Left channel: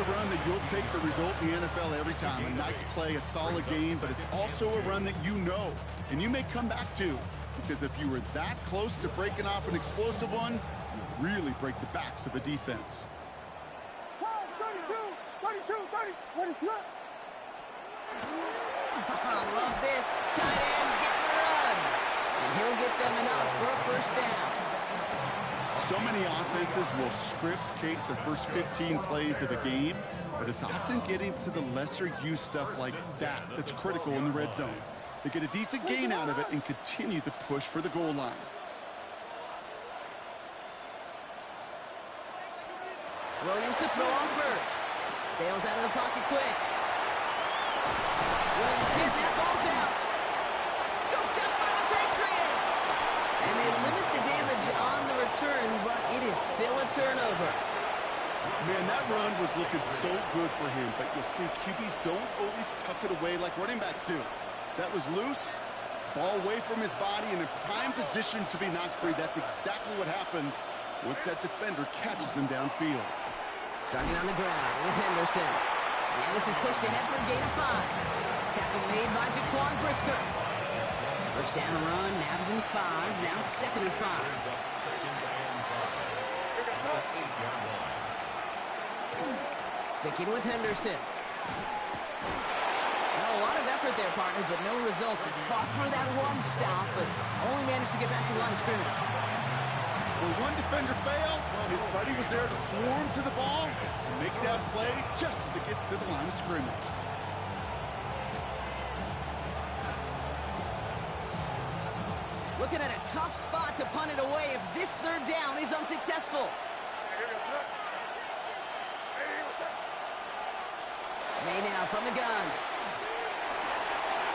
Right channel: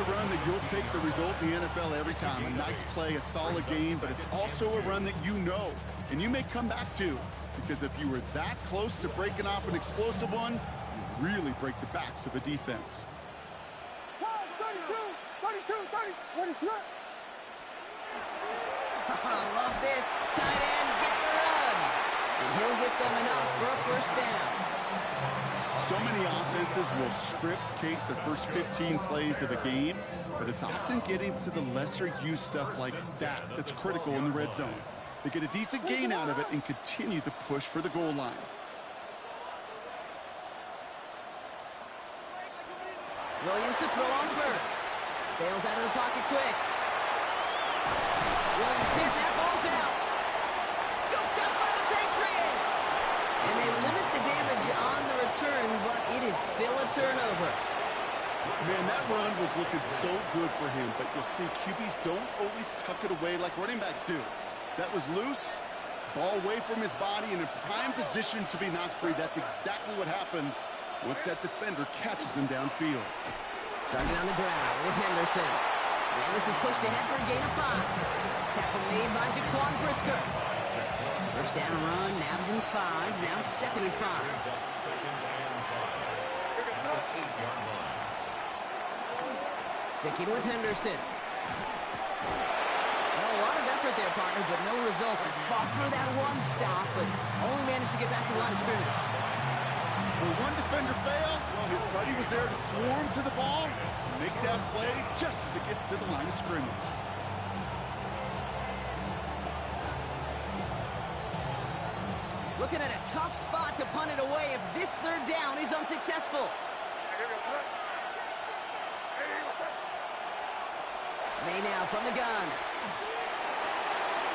a run that you'll take the result in the NFL every time. A nice play, a solid game, but it's also a run that you know, and you may come back to. Because if you were that close to breaking off an explosive one, you really break the backs of a defense. 32, 30. What is that? Love this. Tight end getting a run. And he'll get them enough for a first down. So many offenses will script, Kate, the first 15 plays of a game, but it's often getting to the lesser-used stuff like that that's critical in the red zone. They get a decent gain out of it and continue the push for the goal line. Williams to throw on first. Bails out of the pocket quick. Williams hit, that ball's out. Scooped up by the Patriots. And they limit the damage on the return, but it is still a turnover. Man, that run was looking so good for him, but you'll see QBs don't always tuck it away like running backs do. That was loose, ball away from his body, and in prime position to be knocked free. That's exactly what happens once that defender catches him downfield. Starting on the ground with Henderson. And this is pushed ahead for a gain of 5. Tackle made by Jaquan Brisker. First down run, nabs him 5. Now 2nd and 5. Sticking with Henderson. Well, a lot of effort there, partner, but no results. He fought for that one stop, but only managed to get back to the line of scrimmage. When one defender failed, well, his buddy was there to swarm to the ball and make that play just as it gets to the line of scrimmage. Looking at a tough spot to punt it away if this third down is unsuccessful. May now from the gun.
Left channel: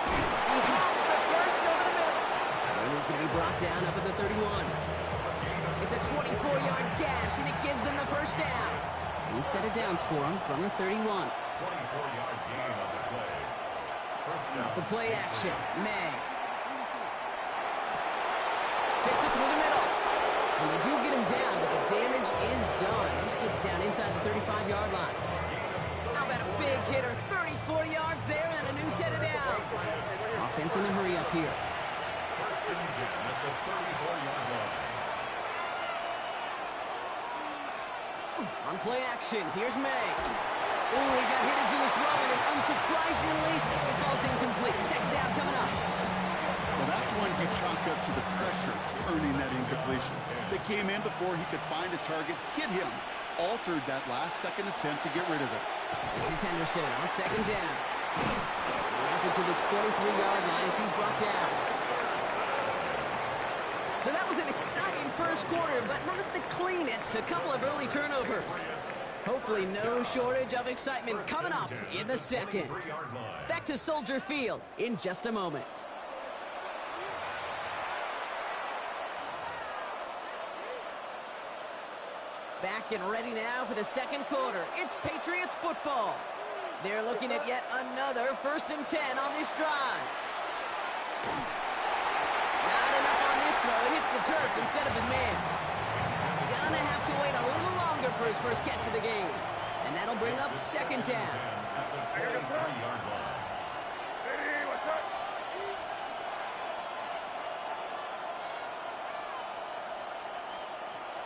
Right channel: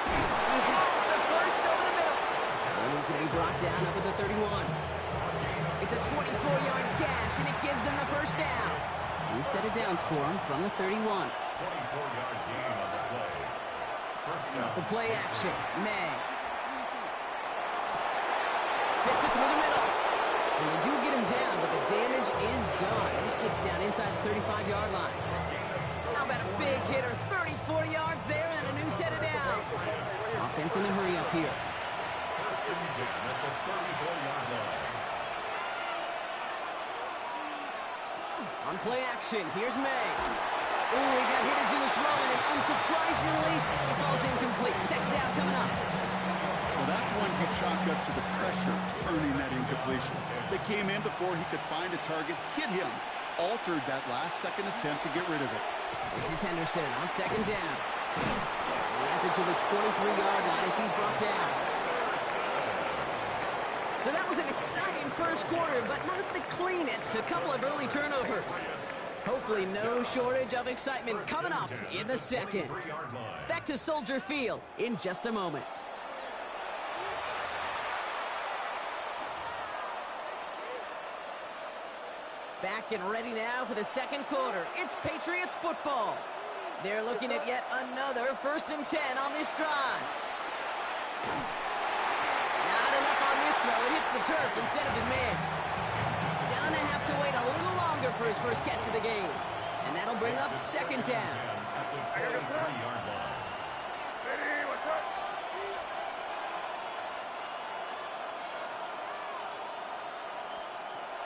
He has the first over the middle. And he's going to be brought down up at the 31. It's a 24-yard gash, and it gives them the first down. We've set it downs for him from the 31. 24-yard gain on the play. First down. The play action. May. Fits it through the middle. And they do get him down, but the damage is done. This gets down inside the 35-yard line. How about a big hitter? 34 yards there and a new set of downs. Offense in the hurry up here. First and 10 at the 34-yard line. On play action, here's May. Ooh, he got hit as he was throwing, and unsurprisingly, it falls incomplete. Second down coming up. Well, that's one you chalk up to the pressure earning that incompletion. They came in before he could find a target, hit him, altered that last second attempt to get rid of it. This is Henderson on second down. He has it to the 23-yard line as he's brought down. So that was an exciting first quarter, but not the cleanest. A couple of early turnovers. Hopefully no shortage of excitement coming up in the second. Back to Soldier Field in just a moment. Back and ready now for the second quarter. It's Patriots football. They're looking at yet another 1st and 10 on this drive. Not enough on this throw. It hits the turf instead of his man. Gonna have to wait a little longer for his first catch of the game. And that'll bring up second down. At the 23-yard line.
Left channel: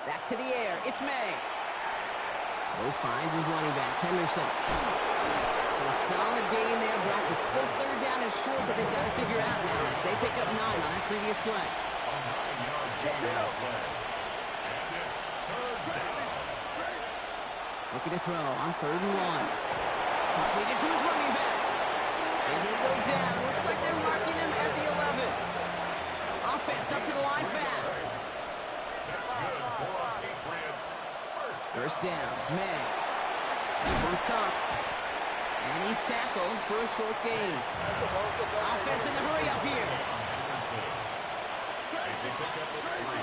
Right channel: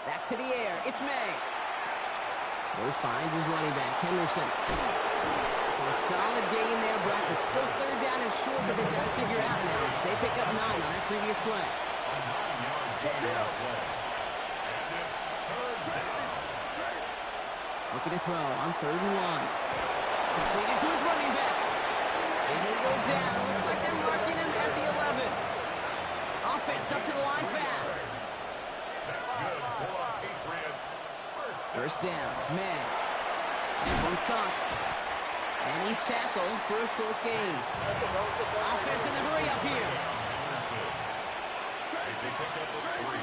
Back to the air. It's May. Bo finds his running back, Henderson. So a solid gain there, Brock. It's still third down and short, but they've got to figure out now as they pick up 9 on that previous play. A 9-yard gain on the play. And it's third down. Looking to throw on 3rd and 1. Completed to his running back. And he'll go down. Looks like they're marking him at the 11. Offense up to the line fast. That's good for the Patriots. First down, May. This one's caught. And he's tackled for a short gain. Offense in the hurry up here. It's a pickup of 3.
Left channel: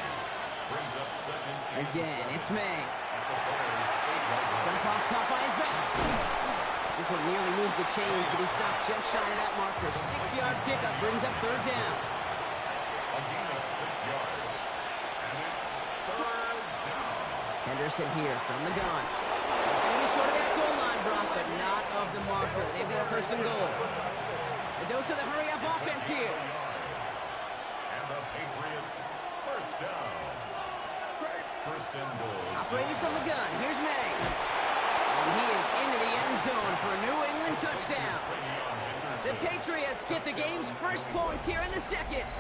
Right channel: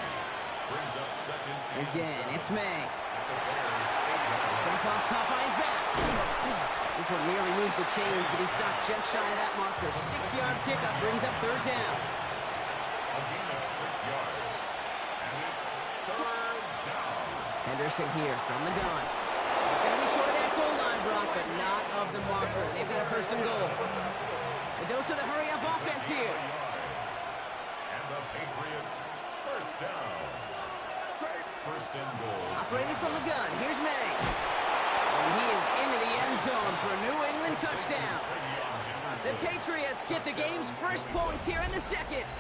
Brings up second. Again, it's May. At the Bears' 8-yard line. Jump off caught by his back. This one nearly moves the chains, but he stopped just shy of that marker. 6-yard pickup brings up third down. A gain of 6 yards. And it's third down. Henderson here from the gun. He's going to be Just short of that goal line, Brock, but not of the marker. They've got a first and goal. The dose of the hurry-up offense here. And the Patriots first down. First and goal. Operating from the gun. Here's May. And he is into the end zone for a New England touchdown. The Patriots get the game's first points here in the second.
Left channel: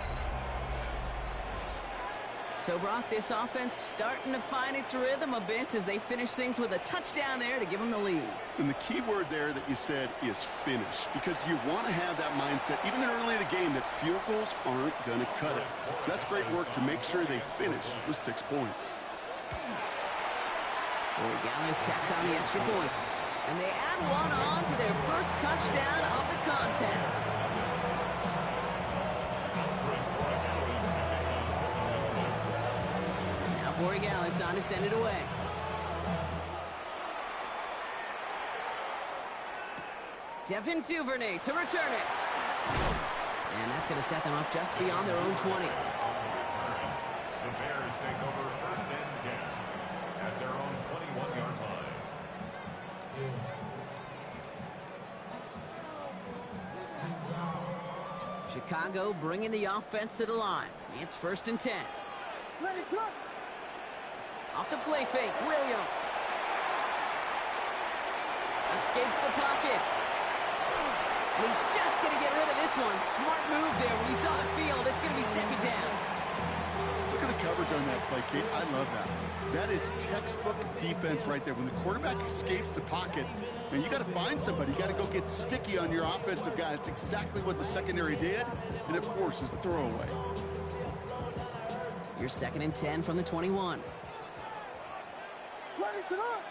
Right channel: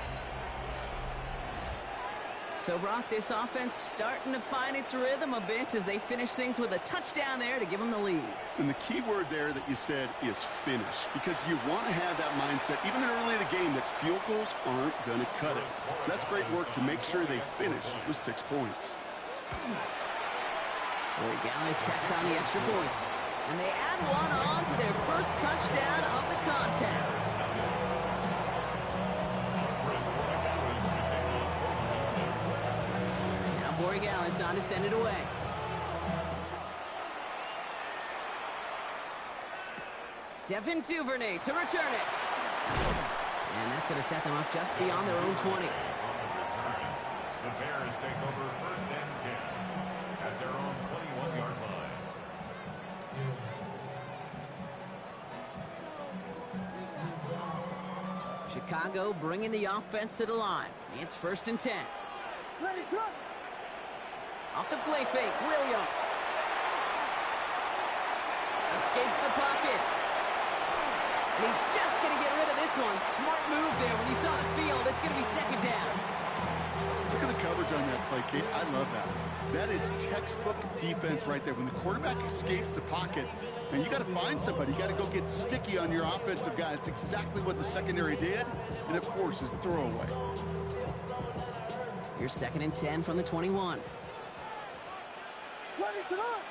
So, Brock, this offense starting to find its rhythm a bit as they finish things with a touchdown there to give them the lead. And the key word there that you said is finish, because you want to have that mindset, even early in the game, that field goals aren't going to cut it. So that's great work to make sure they finish with 6 points. Corey Gallis tacks on the extra point. And they add one on to their first touchdown of the contest. Borregales on to send it away. Devin Duvernay to return it. And that's going to set them up just beyond their own 20. The Bears take over first and 10 at their own 21-yard line. Chicago bringing the offense to the line. It's first and 10. Ready, set. Off the play fake, Williams. Escapes the pocket. And he's just going to get rid of this one. Smart move there when he saw the field. It's going to be second down. Look at the coverage on that play, Kate. I love that. That is textbook defense right there. When the quarterback escapes the pocket, and you got to find somebody. You got to go get sticky on your offensive guy. That's exactly what the secondary did, and it forces the throwaway. Here's second and 10 from the 21. Ready, set up.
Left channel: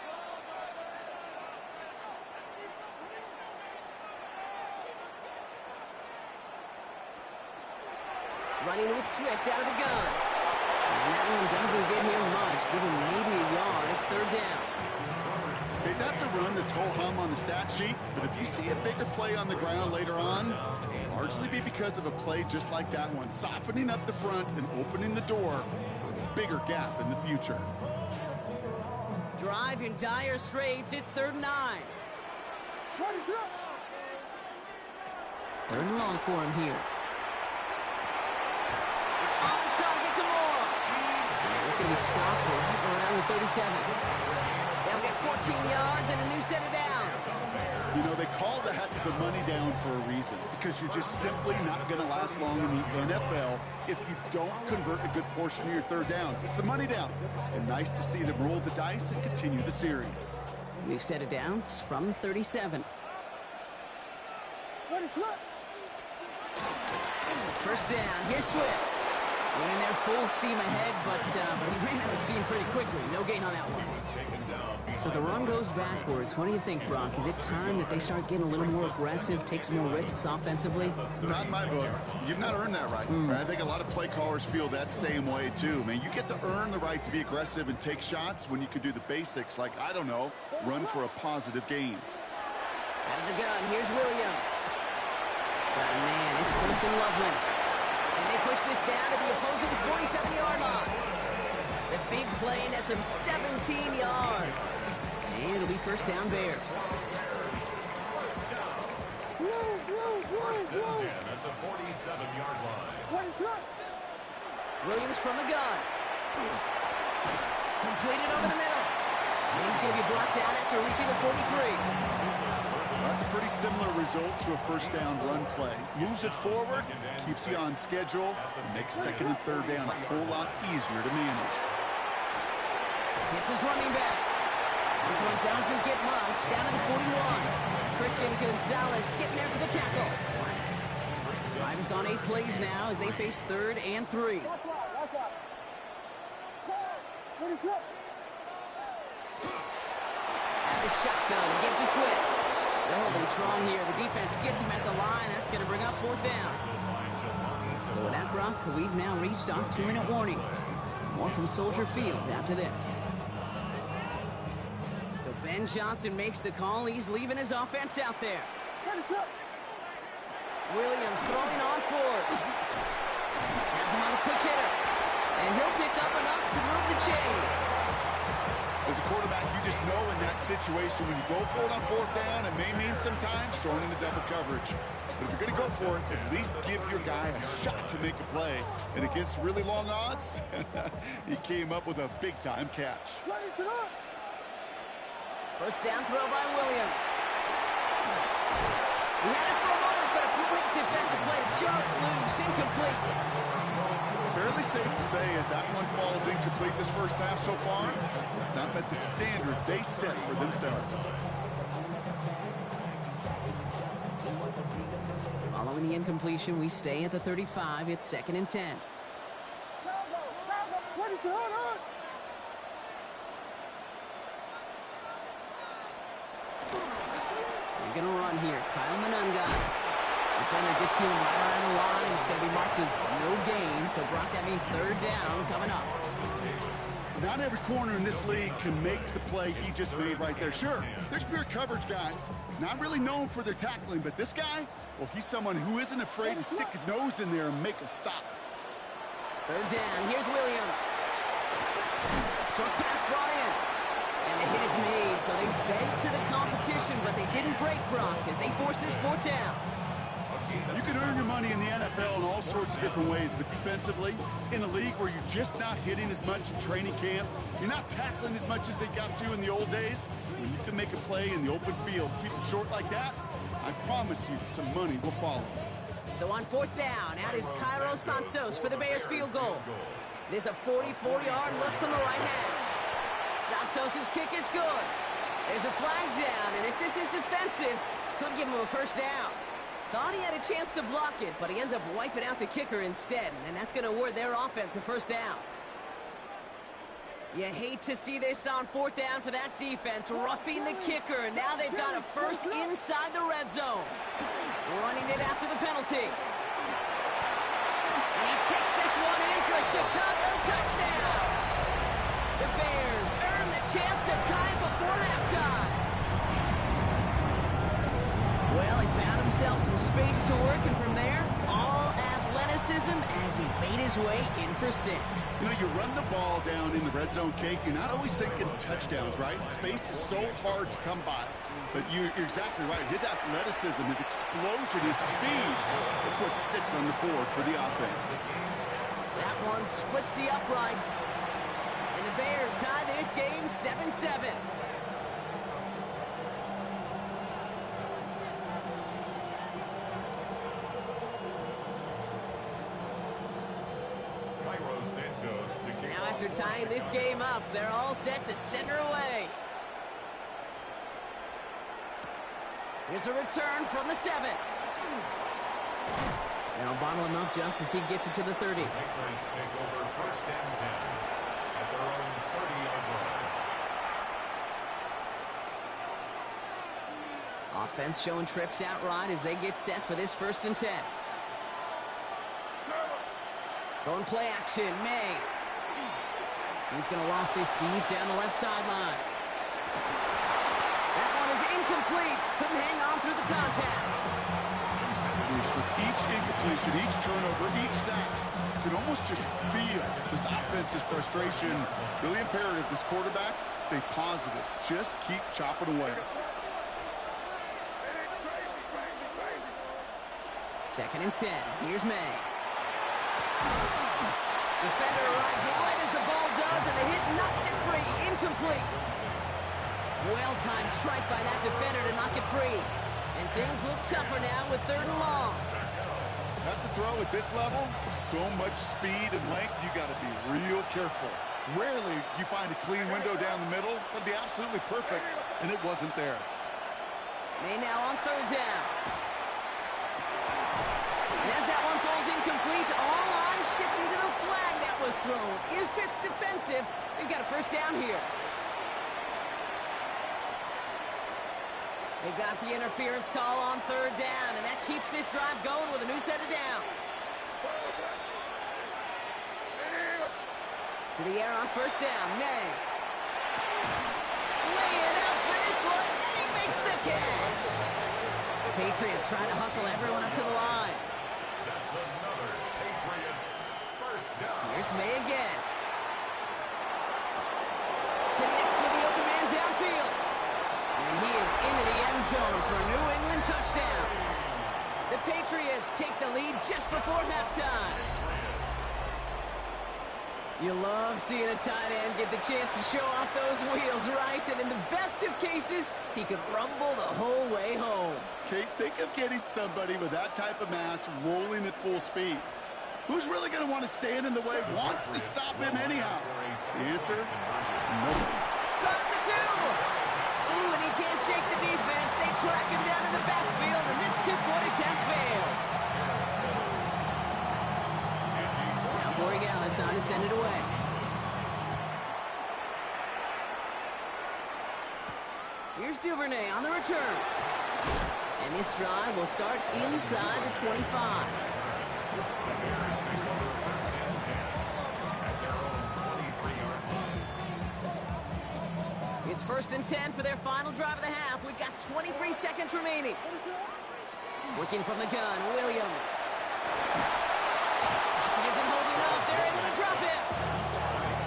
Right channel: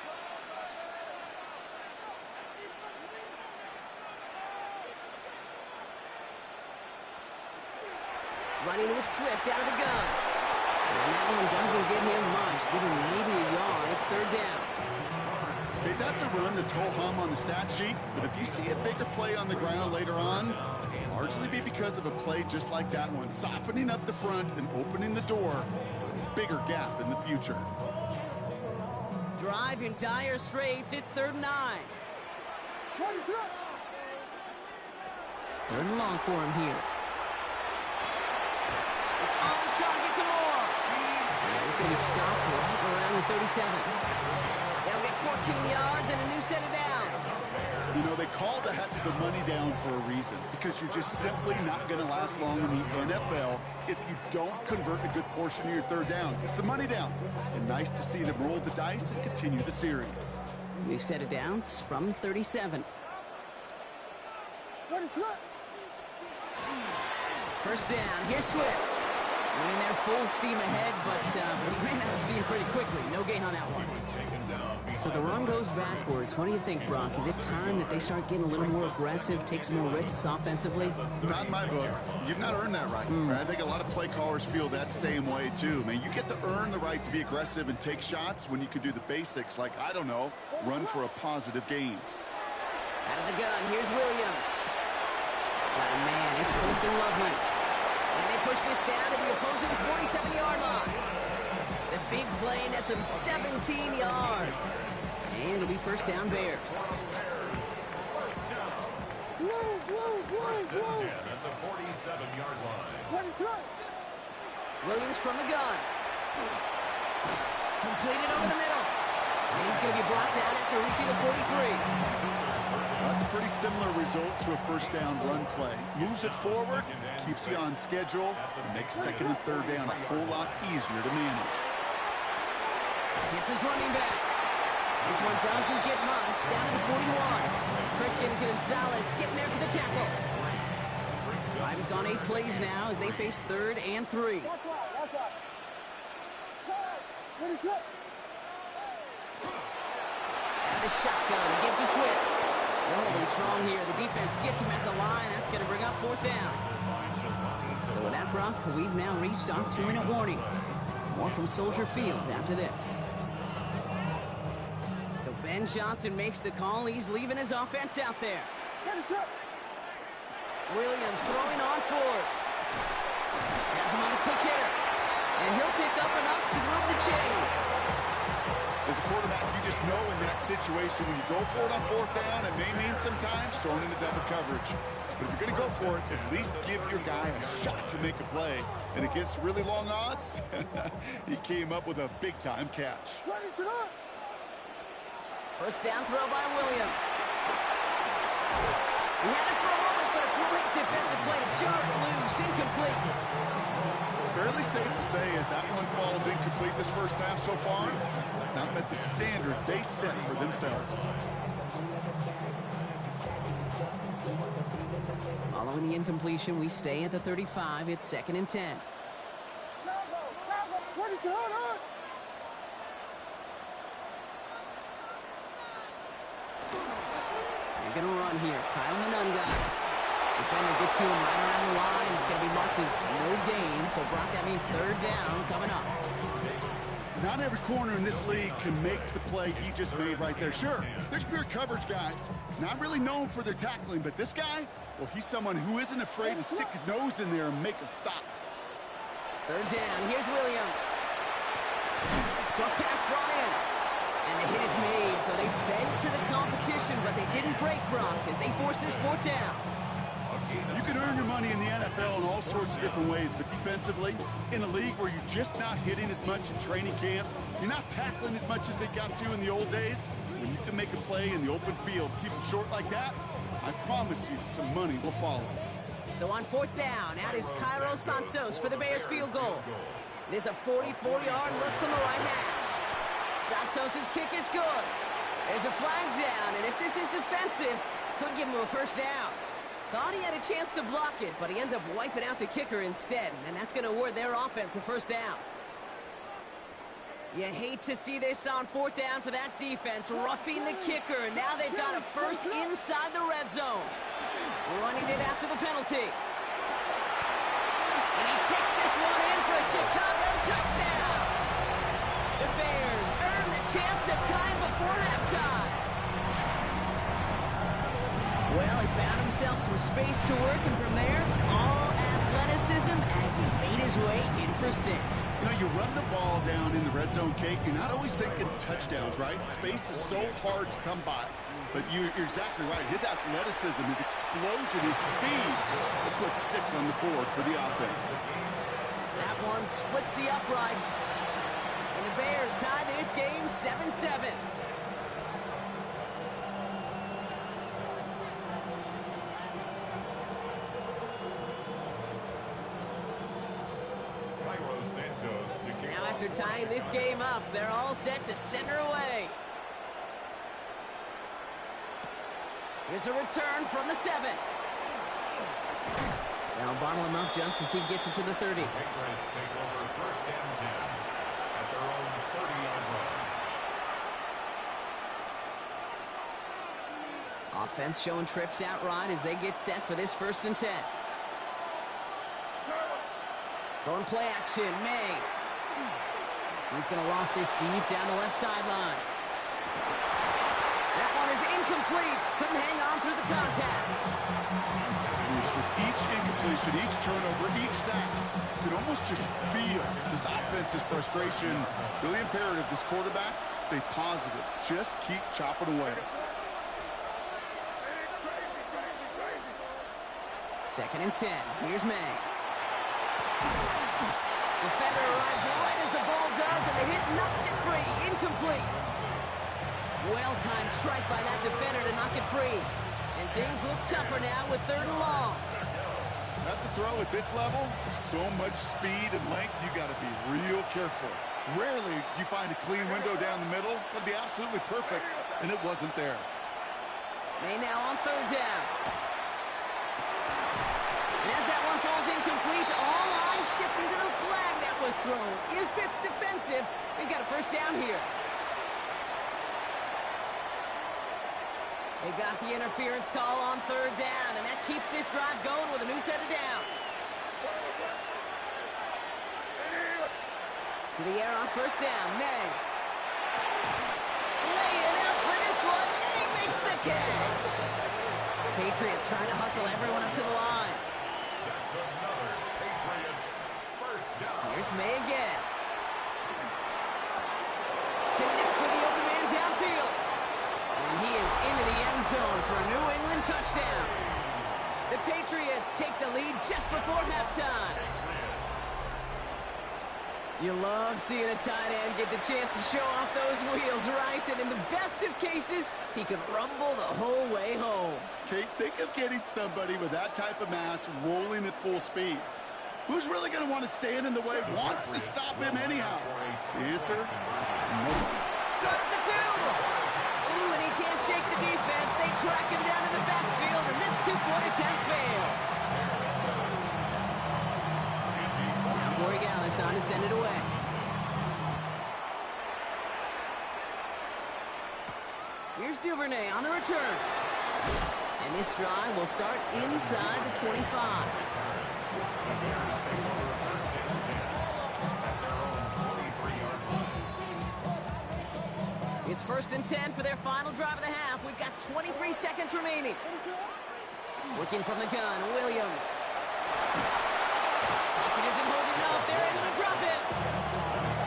Running with Swift out of the gun. And that one doesn't get him much. Give him maybe a yard. It's third down. Hey, that's a run that's ho-hum on the stat sheet, but if you see a bigger play on the ground later on, largely be because of a play just like that one, softening up the front and opening the door for a bigger gap in the future. Drive in dire straits. It's third and 9. Ready, set up. Third and long for him here. It's on target to Moore. And it's going to be stopped right around the 37. They'll get 14 yards and a new set of downs. You know, they call that the money down for a reason, because you're just simply not going to last long in the NFL if you don't convert a good portion of your third downs. It's the money down. And nice to see them roll the dice and continue the series. New set of downs from 37. Ready, set up. First down. Here's Swift. Went in there full steam ahead, but he ran out of steam pretty quickly. No gain on that one. So the run goes backwards. What do you think, Brock? Is it time that they start getting a little more aggressive, take some more risks offensively? Not in my book. You've not earned that right. I think a lot of play callers feel that same way, too. Man, you get to earn the right to be aggressive and take shots when you can do the basics, like, I don't know, run for a positive gain. Out of the gun, here's Williams. Got a man. It's Winston Loveland. And they push this down to the opposing 47-yard line. The big play nets him 17 yards. And it'll be first down Bears. First and 10 at the 47-yard line. Ready, set up. Williams from the gun. Completed over the middle. And he's going to be brought down after reaching the 43. That's a pretty similar result to a first down run play. Moves it forward, keeps you on schedule, and makes second and third down a whole lot easier to manage. Hits his running back. This one doesn't get much. Down to the 41. Christian Gonzalez getting there for the tackle. Drive has gone 8 plays now as they face third and 3. That's right, that's right. Ready, set up. Out of the shotgun, give to Swift. They're holding strong here. The defense gets him at the line. That's going to bring up fourth down. So with that, Brock, we've now reached our 2-minute warning. More from Soldier Field after this. So Ben Johnson makes the call. He's leaving his offense out there. Ready, set up. Williams throwing on fourth. Has him on the quick hitter. And he'll pick up enough to move the chains. As a quarterback, you just know in that situation when you go for it on fourth down, it may mean sometimes throwing into double coverage. But if you're going to go for it, at least give your guy a shot to make a play. And against really long odds, he came up with a big-time catch. Ready to go. First down throw by Williams. He had it for a moment, but a great defensive play to jar it loose. Incomplete. Fairly safe to say as that one falls incomplete this first half so far, it's not met the standard they set for themselves. Following the incompletion, we stay at the 35. It's 2nd and 10. Ready to hold on. You're going to run here. Kyle Manunga. Defender gets to him right around the line. It's going to be marked as no gain. So, Brock, that means 3rd down coming up. Not every corner in this league can make the play he just made right there. Sure, there's pure coverage guys. Not really known for their tackling, but this guy, well, he's someone who isn't afraid to stick his nose in there and make a stop. 3rd down. Here's Williams. Short pass brought in. And the hit is made, so they bent to the competition, but they didn't break Brock as they force this 4th down. You can earn your money in the NFL in all sorts of different ways, but defensively, in a league where you're just not hitting as much in training camp, you're not tackling as much as they got to in the old days, when you can make a play in the open field, keep them short like that, I promise you some money will follow. So on 4th down, out is Cairo Santos for the Bears field goal. This is a 44-yard look from the right hash. Santos' kick is good. There's a flag down, and if this is defensive, could give him a 1st down. Thought he had a chance to block it, but he ends up wiping out the kicker instead, and that's going to award their offense a 1st down. You hate to see this on 4th down for that defense, roughing the kicker. Now they've got a 1st inside the red zone. Running it after the penalty. And he takes this one in for a Chicago touchdown. The Bears earn the chance to tie it before halftime. Well, he found himself some space to work, and from there, all athleticism as he made his way in for 6. You know, you run the ball down in the red zone, Kate, you're not always thinking touchdowns, right? Space is so hard to come by. But you're exactly right. His athleticism, his explosion, his speed, it puts 6 on the board for the offense. That one splits the uprights. And the Bears tie this game 7-7. Now after tying this game up, they're all set to center away. Here's a return from the 7. They'll bottle him up just as he gets it to the 30. The Patriots take over 1st and 10 at their own 30-yard line. Offense showing trips out right as they get set for this 1st and 10. Going play action, May. He's going to loft this deep down the left sideline. That one is incomplete. Couldn't hang on through the contact. With each incompletion, each turnover, each sack, you can almost just feel this offense's frustration. Really imperative, this quarterback, stay positive. Just keep chopping away. 2nd and 10. Here's May. Defender arrives right as the ball does, and the hit knocks it free. Incomplete. Well-timed strike by that defender to knock it free. And things look tougher now with 3rd and long. That's a throw at this level. So much speed and length, you got to be real careful. Rarely do you find a clean window down the middle. That'd be absolutely perfect, and it wasn't there. May now on 3rd down. And as that one falls incomplete, all eyes shifting to the flag that was thrown. If it's defensive, we've got a 1st down here. They got the interference call on 3rd down, and that keeps this drive going with a new set of downs. To the air on 1st down, May. Laying out for this one, and he makes the catch. Patriots trying to hustle everyone up to the line. That's another Patriots 1st down. Here's May again. Connects with the open man downfield. And he is into the end zone for a New England touchdown. The Patriots take the lead just before halftime. You love seeing a tight end get the chance to show off those wheels, right? And in the best of cases, he could rumble the whole way home. Kate, think of getting somebody with that type of mass rolling at full speed. Who's really going to want to stand in the way, wants to stop him anyhow? The answer, nobody. Got at the 2. Ooh, and he can't shake the defense. They track him down in the backfield, and this two-point attempt fails. Now Corey Gallis on to send it away. Here's Duvernay on the return. And this drive will start inside the 25. It's 1st and 10 for their final drive of the half. We've got 23 seconds remaining. Working from the gun, Williams. Pocket isn't holding up. They're able to drop it.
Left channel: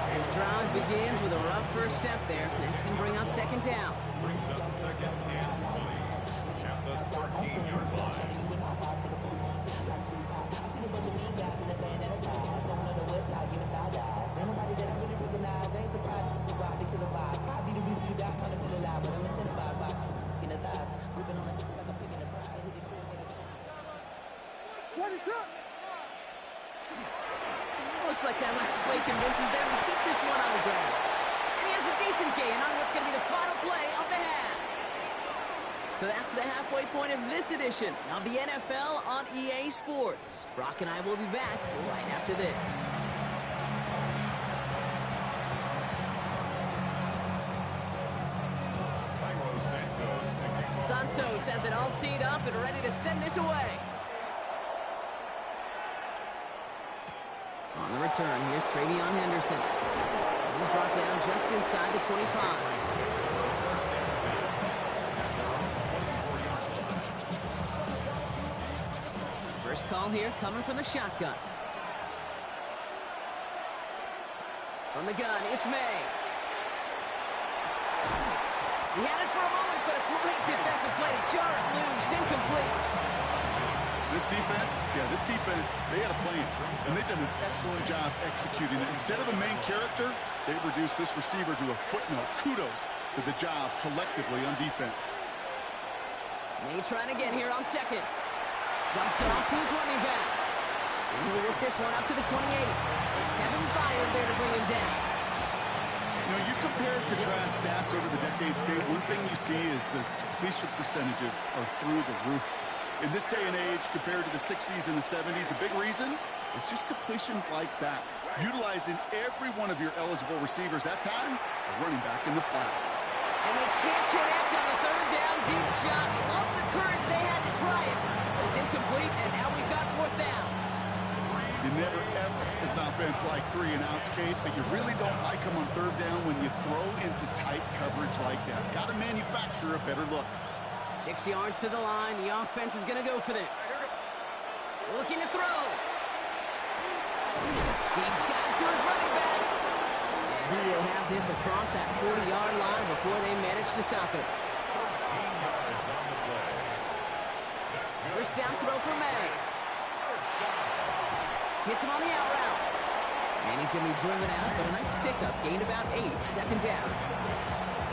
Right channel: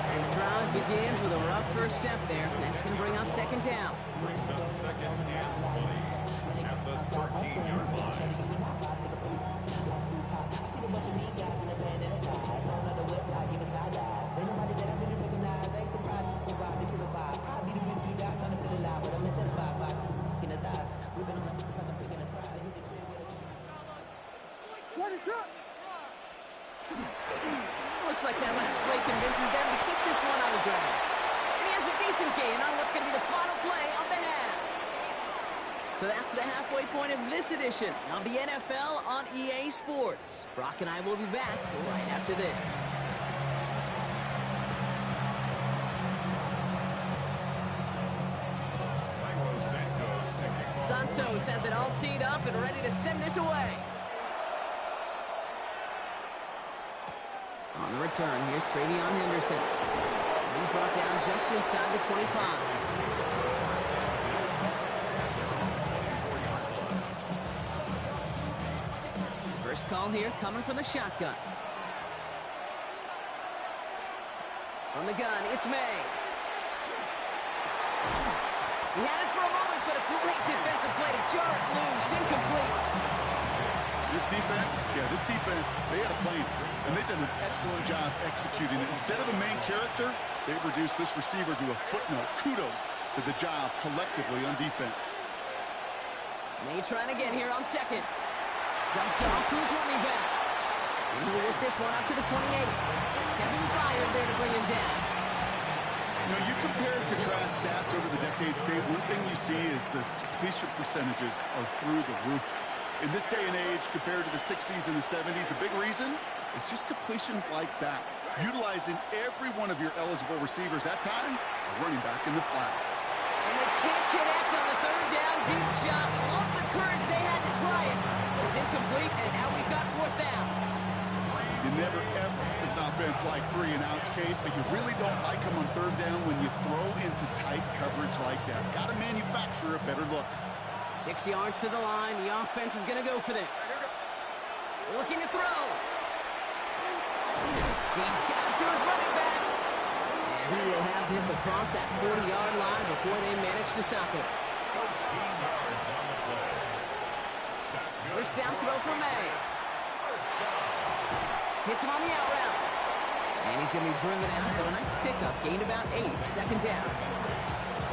And the drive begins with a rough first step there. That's going to bring up 2nd down. Brings up 2nd and 20 at the 13-yard line. I see the bunch of mean guys in the band and a tie. Going on the west side, giving side eyes. Ain't nobody that I really recognize. Ain't surprised to ride the killer vibe. Probably the reason you die trying to feel alive. But I'm incentivized by in the thighs. Ripping on it like I'm picking a prize. Hit the crib with a... Ready, set. Looks like that last play convinces them to keep this one on the ground. And he has a decent gain on what's going to be the final play of the half. So that's the halfway point of this edition of the NFL on EA Sports. Brock and I will be back right after this. Santos has it all teed up and ready to send this away. On the return, here's Travion Henderson. And he's brought down just inside the 25. First call here coming from the shotgun. From the gun, it's May. He had it for a moment, but a great defensive play to jar it loose. Incomplete. This defense, they had a plan, and they did an excellent job executing it. Instead of a main character, they've reduced this receiver to a footnote. Kudos to the job collectively on defense. May trying again here on 2nd. Dumped off to his running back. And he'll work this one up to the 28. Kevin Byard there to bring him down. You know, you compare and contrast stats over the decades, Kate. One thing you see is the completion percentages are through the roof. In this day and age, compared to the 60s and the 70s, the big reason is just completions like that. Utilizing every one of your eligible receivers. That time, a running back in the flat. And they can't connect on the 3rd down deep shot. Love the courage they had to try it. But it's incomplete, and now we've got 4th down. You never, ever, as an offense, like 3 and outs, Kate, but you really don't like them on 3rd down when you throw into tight coverage like that. Got to manufacture a better look. 6 yards to the line. The offense is going to go for this. Looking to throw. He's got it to his running back. And he will have this across that 40-yard line before they manage to stop it. 13 yards on the play. That's good. First down throw for May. First down. Hits him on the out route. And he's going to be driven out, but a nice pickup. Gained about 8. 2nd down.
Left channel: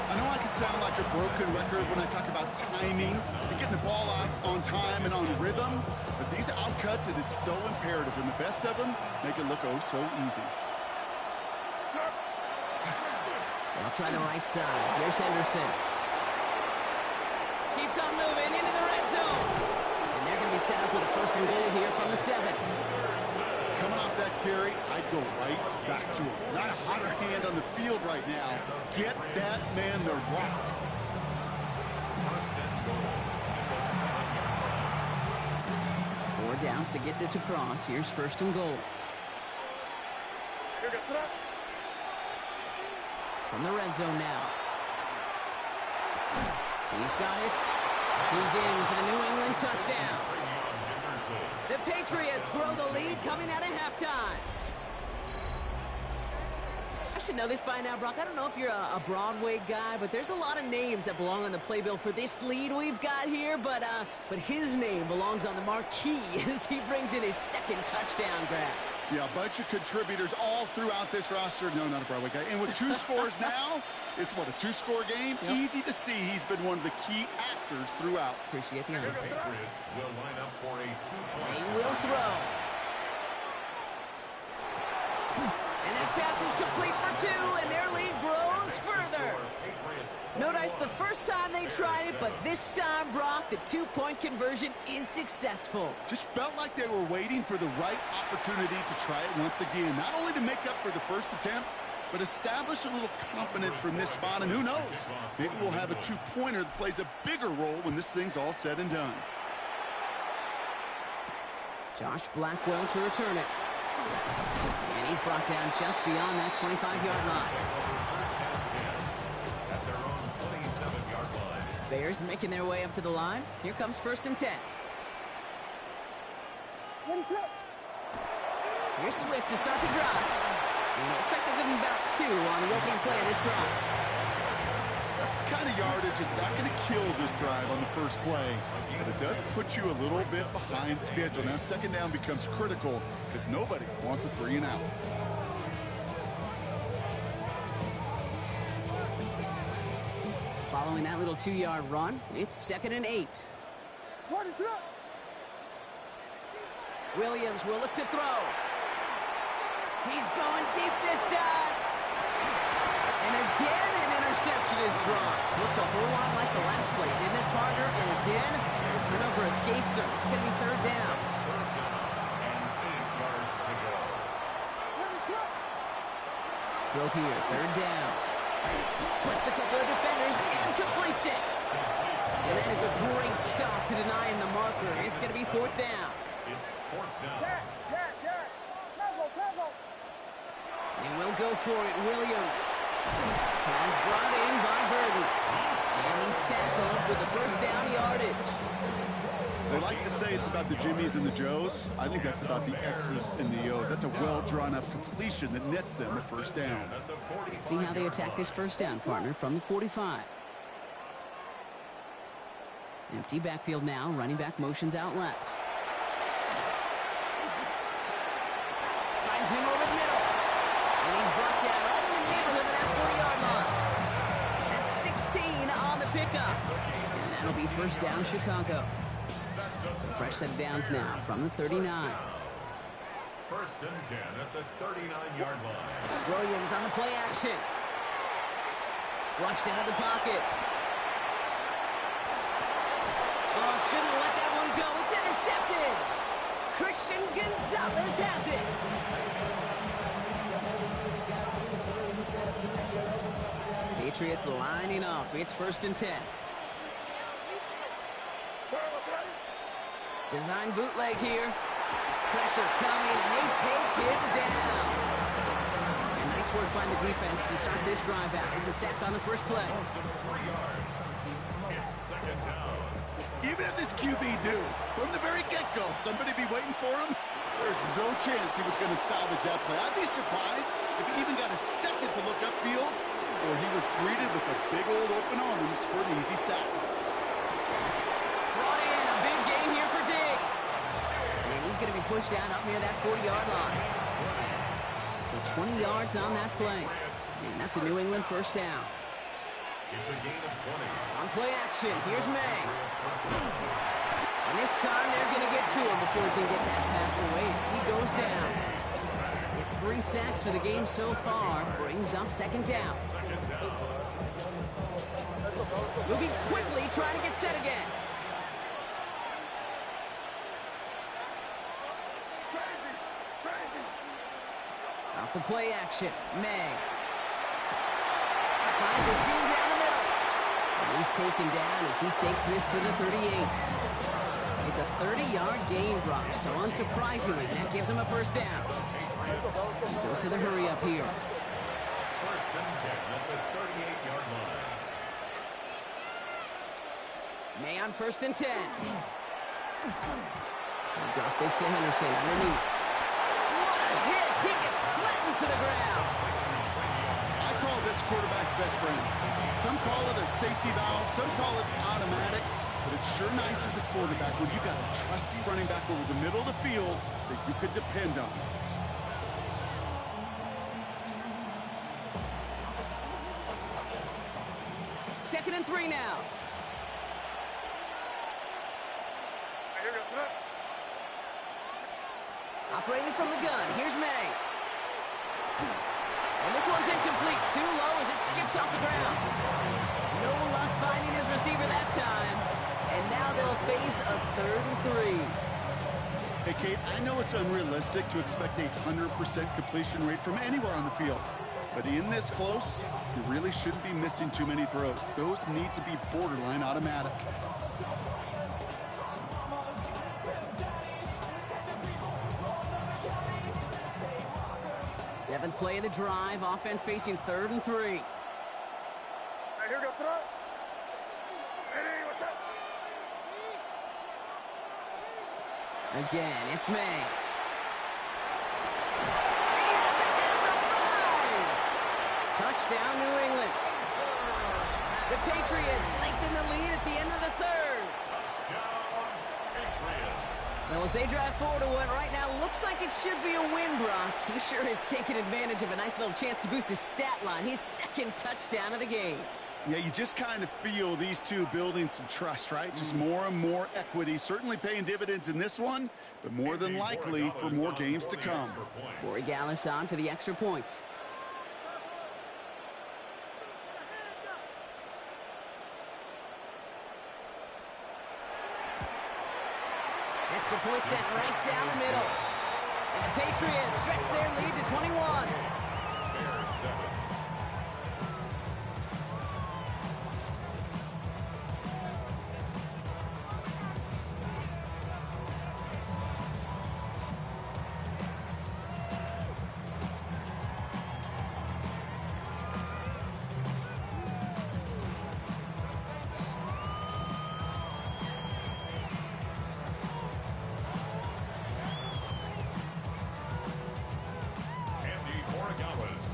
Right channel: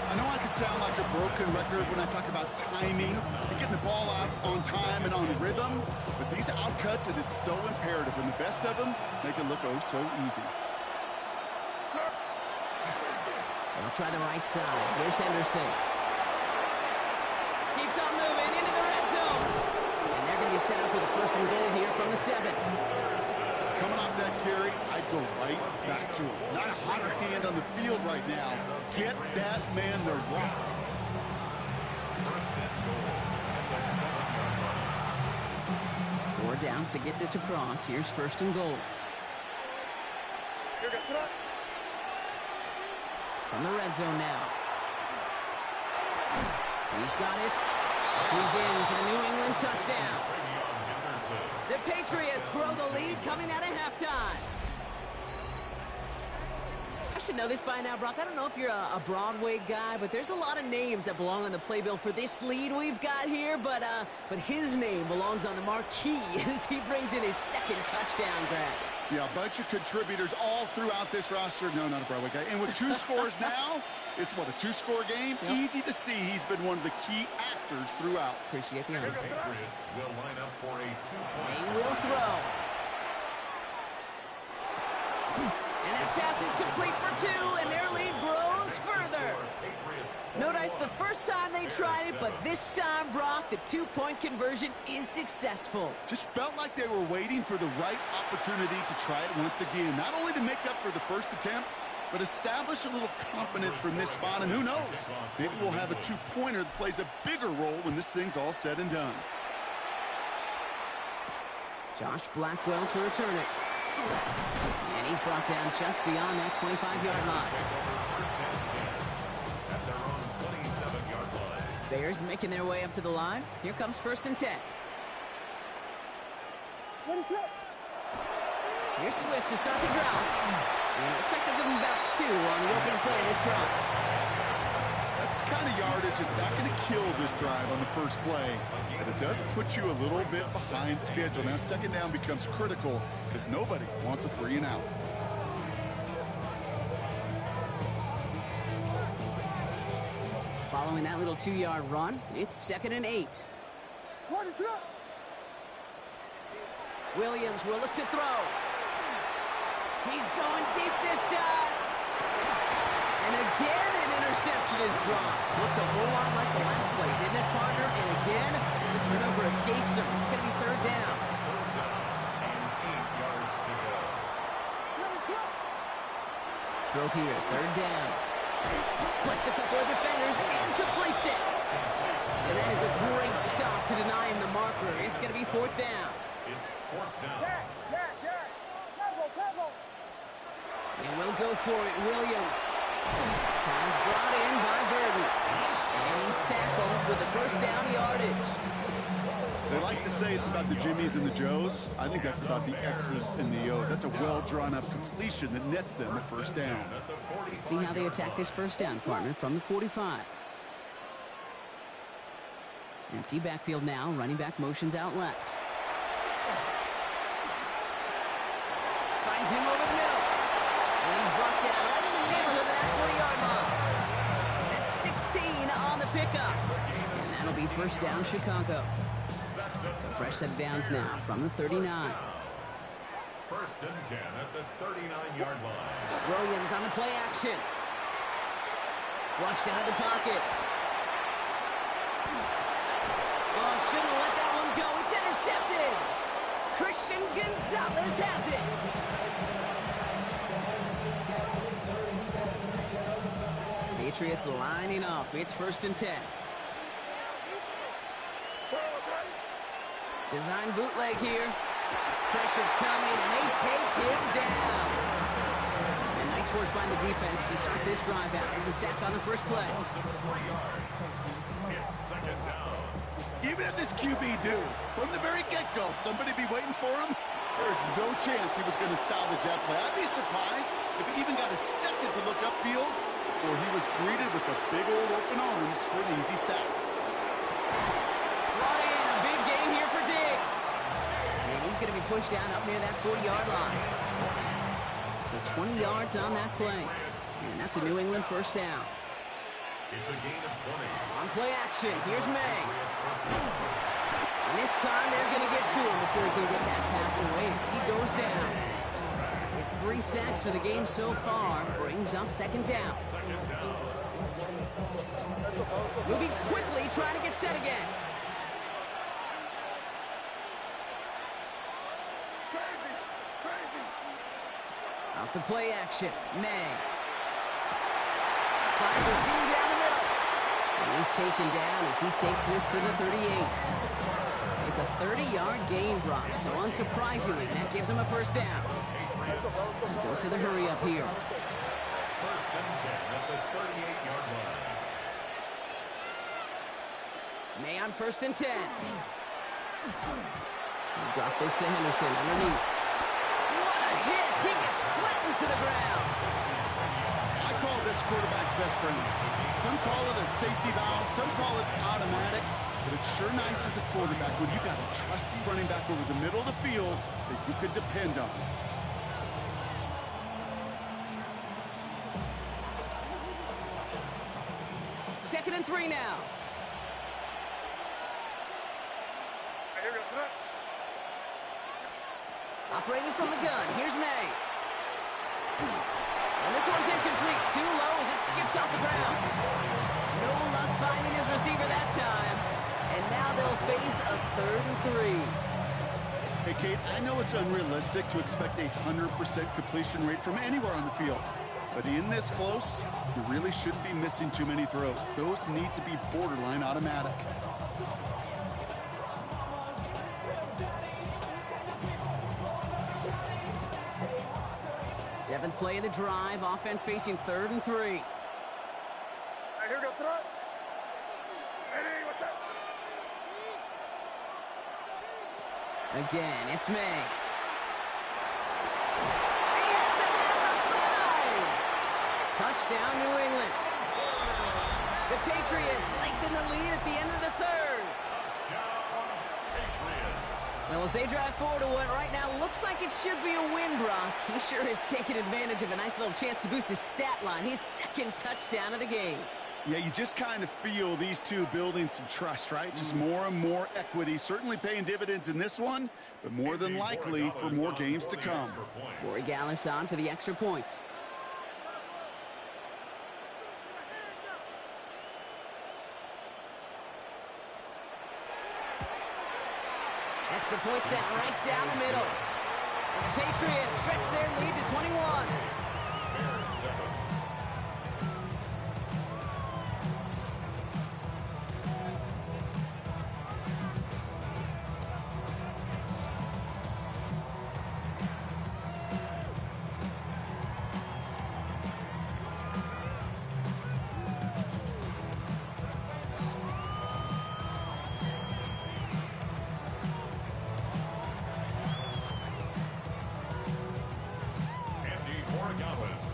I know I could sound like a broken record when I talk about timing and getting the ball out on time and on rhythm, but these outcuts, it is so imperative, and the best of them make it look oh so easy. They'll try the right side. Here's Henderson. Keeps on moving into the red zone. And they're going to be set up with a 1st and goal here from the 7. Coming off that carry, I'd go right back to him. Not a hotter hand on the field right now. Get that man the rock. 1st and goal at the 7-yard line. 4 downs to get this across. Here's 1st and goal. From the red zone now. He's got it. He's in for the New England touchdown. The Patriots grow the lead coming out of halftime. should know this by now, Brock. I don't know if you're a Broadway guy, but there's a lot of names that belong on the playbill for this lead we've got here. But his name belongs on the marquee as he brings in his second touchdown grab. Yeah, a bunch of contributors all throughout this roster. No, not a Broadway guy. And with 2 scores now, it's what, a 2-score game? Yep. Easy to see he's been one of the key actors throughout. Appreciate the honesty. The Patriots will line up for a 2-point. They will throw. And that pass is complete for 2, and their lead grows further. Notice the first time they tried it, but this time, Brock, the 2-point conversion is successful. Just felt like they were waiting for the right opportunity to try it once again. Not only to make up for the first attempt, but establish a little confidence from this spot. And who knows, maybe we'll have a 2-pointer that plays a bigger role when this thing's all said and done. Josh Blackwell to return it. And he's brought down just beyond that 25-yard line. At their own 27-yard line. Bears making their way up to the line. Here comes 1st and 10. What is up? Here's Swift to start the drive. And it looks like they'll give him about 2 on the opening play of this drive. That's the kind of yardage it's not going to kill this drive on the first play, but it does put you a little bit behind schedule. Now, 2nd down becomes critical because nobody wants a 3 and out. Following that little 2-yard run, it's 2nd and 8. What is up? Williams will look to throw. He's going deep this time. And again, an interception is dropped. Looked a whole lot like the last play, didn't it, partner? And again, the turnover escapes him. It's going to be 3rd down. And 8 yards to go. What is up? Throw here, 3rd down. Splits a couple of defenders and completes it. And that is a great stop to deny him the marker. It's going to be 4th down. It's 4th down. Yeah. Travel. They will go for it. Williams. Pass brought in by Burden. And he's tackled with the 1st down yardage. They like to say it's about the Jimmies and the Joes. I think that's about the X's and the O's. That's a well-drawn-up completion that nets them a 1st down. Let's see how they attack this 1st down, partner, from the 45. Empty backfield now. Running back motions out left. Finds him over the middle. And he's brought down right in the neighborhood of that 40-yard line. That's 16 on the pickup. And that'll be 1st down, Chicago. So fresh set of downs now from the 39. 1st and 10 at the 39-yard line. Williams on the play action. Flushed out of the pocket. Oh, shouldn't let that one go. It's intercepted. Christian Gonzalez has it. Patriots lining up. It's 1st and 10. Design bootleg here. Pressure coming, and they take him down. And nice work by the defense to start this drive out. It's a sack on the first play. It's 2nd down. Even if this QB knew from the very get-go somebody be waiting for him, there's no chance he was going to salvage that play. I'd be surprised if he even got a second to look upfield before he was greeted with the big old open arms for an easy sack. Brought in a big gain here for Diggs. And he's going to be pushed down up near that 40-yard line. So 20 yards on that play. And that's a New England 1st down. It's a gain of 20. On play action, here's May. And this time they're going to get to him before he can get that pass away as he goes down. It's 3 sacks for the game so far. Brings up 2nd down. Moving quickly, trying to get set again. Off the play action, May. Finds a seam down the middle. And he's taken down as he takes this to the 38. It's a 30-yard gain, Brock, so unsurprisingly, that gives him a 1st down. He goes to the hurry up here. 1st and 10 at the 38-yard line. May on 1st and 10. He'll drop this to Henderson underneath. What a hit! He gets flattened to the ground. I call this quarterback's best friend. Some call it a safety valve, some call it automatic, but it's sure nice as a quarterback when you got a trusty running back over the middle of the field that you could depend on. Second and 3 now. Operating from the gun, here's May. And this one's incomplete. Too low as it skips off the ground. No luck finding his receiver that time. And now they'll face a 3rd and 3. Hey, Kate, I know it's unrealistic to expect a 100% completion rate from anywhere on the field. But in this close, you really shouldn't be missing too many throws. Those need to be borderline automatic. Seventh play of the drive. Offense facing 3rd and 3. Hey, here goes throw. Hey, what's up? Again, it's May. He has it at the 5! Touchdown, New England. The Patriots lengthen the lead at the end of the 3rd. Touchdown, Patriots. Well, as they drive forward to what right now looks like it should be a win, Brock. He sure has taken advantage of a nice little chance to boost his stat line. His 2nd touchdown of the game. Yeah, you just kind of feel these two building some trust, right? Just more and more equity. Certainly paying dividends in this one, but more than likely for more games to come. Corey Gallis on for the extra point. Extra point sent right down the middle. And the Patriots stretch their lead to 21. Bears 7.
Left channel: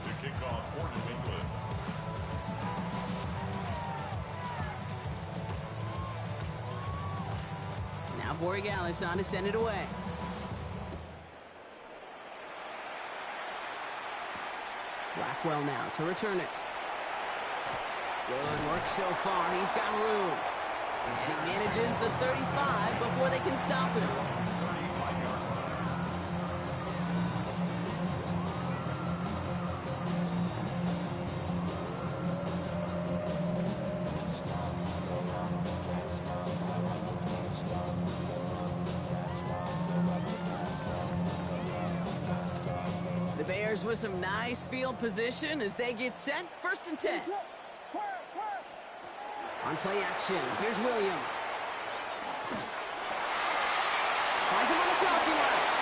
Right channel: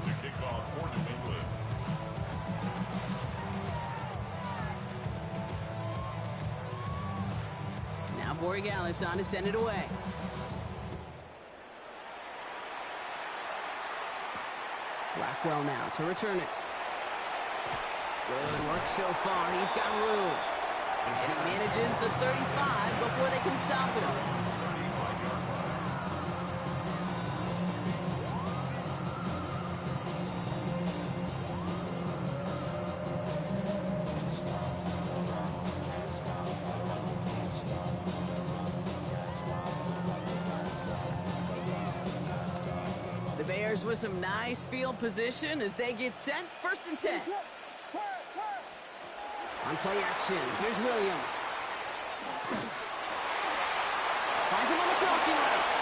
To kick off for New England. Now Borregales on to send it away. Blackwell now to return it. Good work so far. He's got room. And he manages the 35 before they can stop him. 35-yard line. The Bears with some nice field position as they get set. 1st and 10. On play action, here's Williams. Finds him on the crossing route.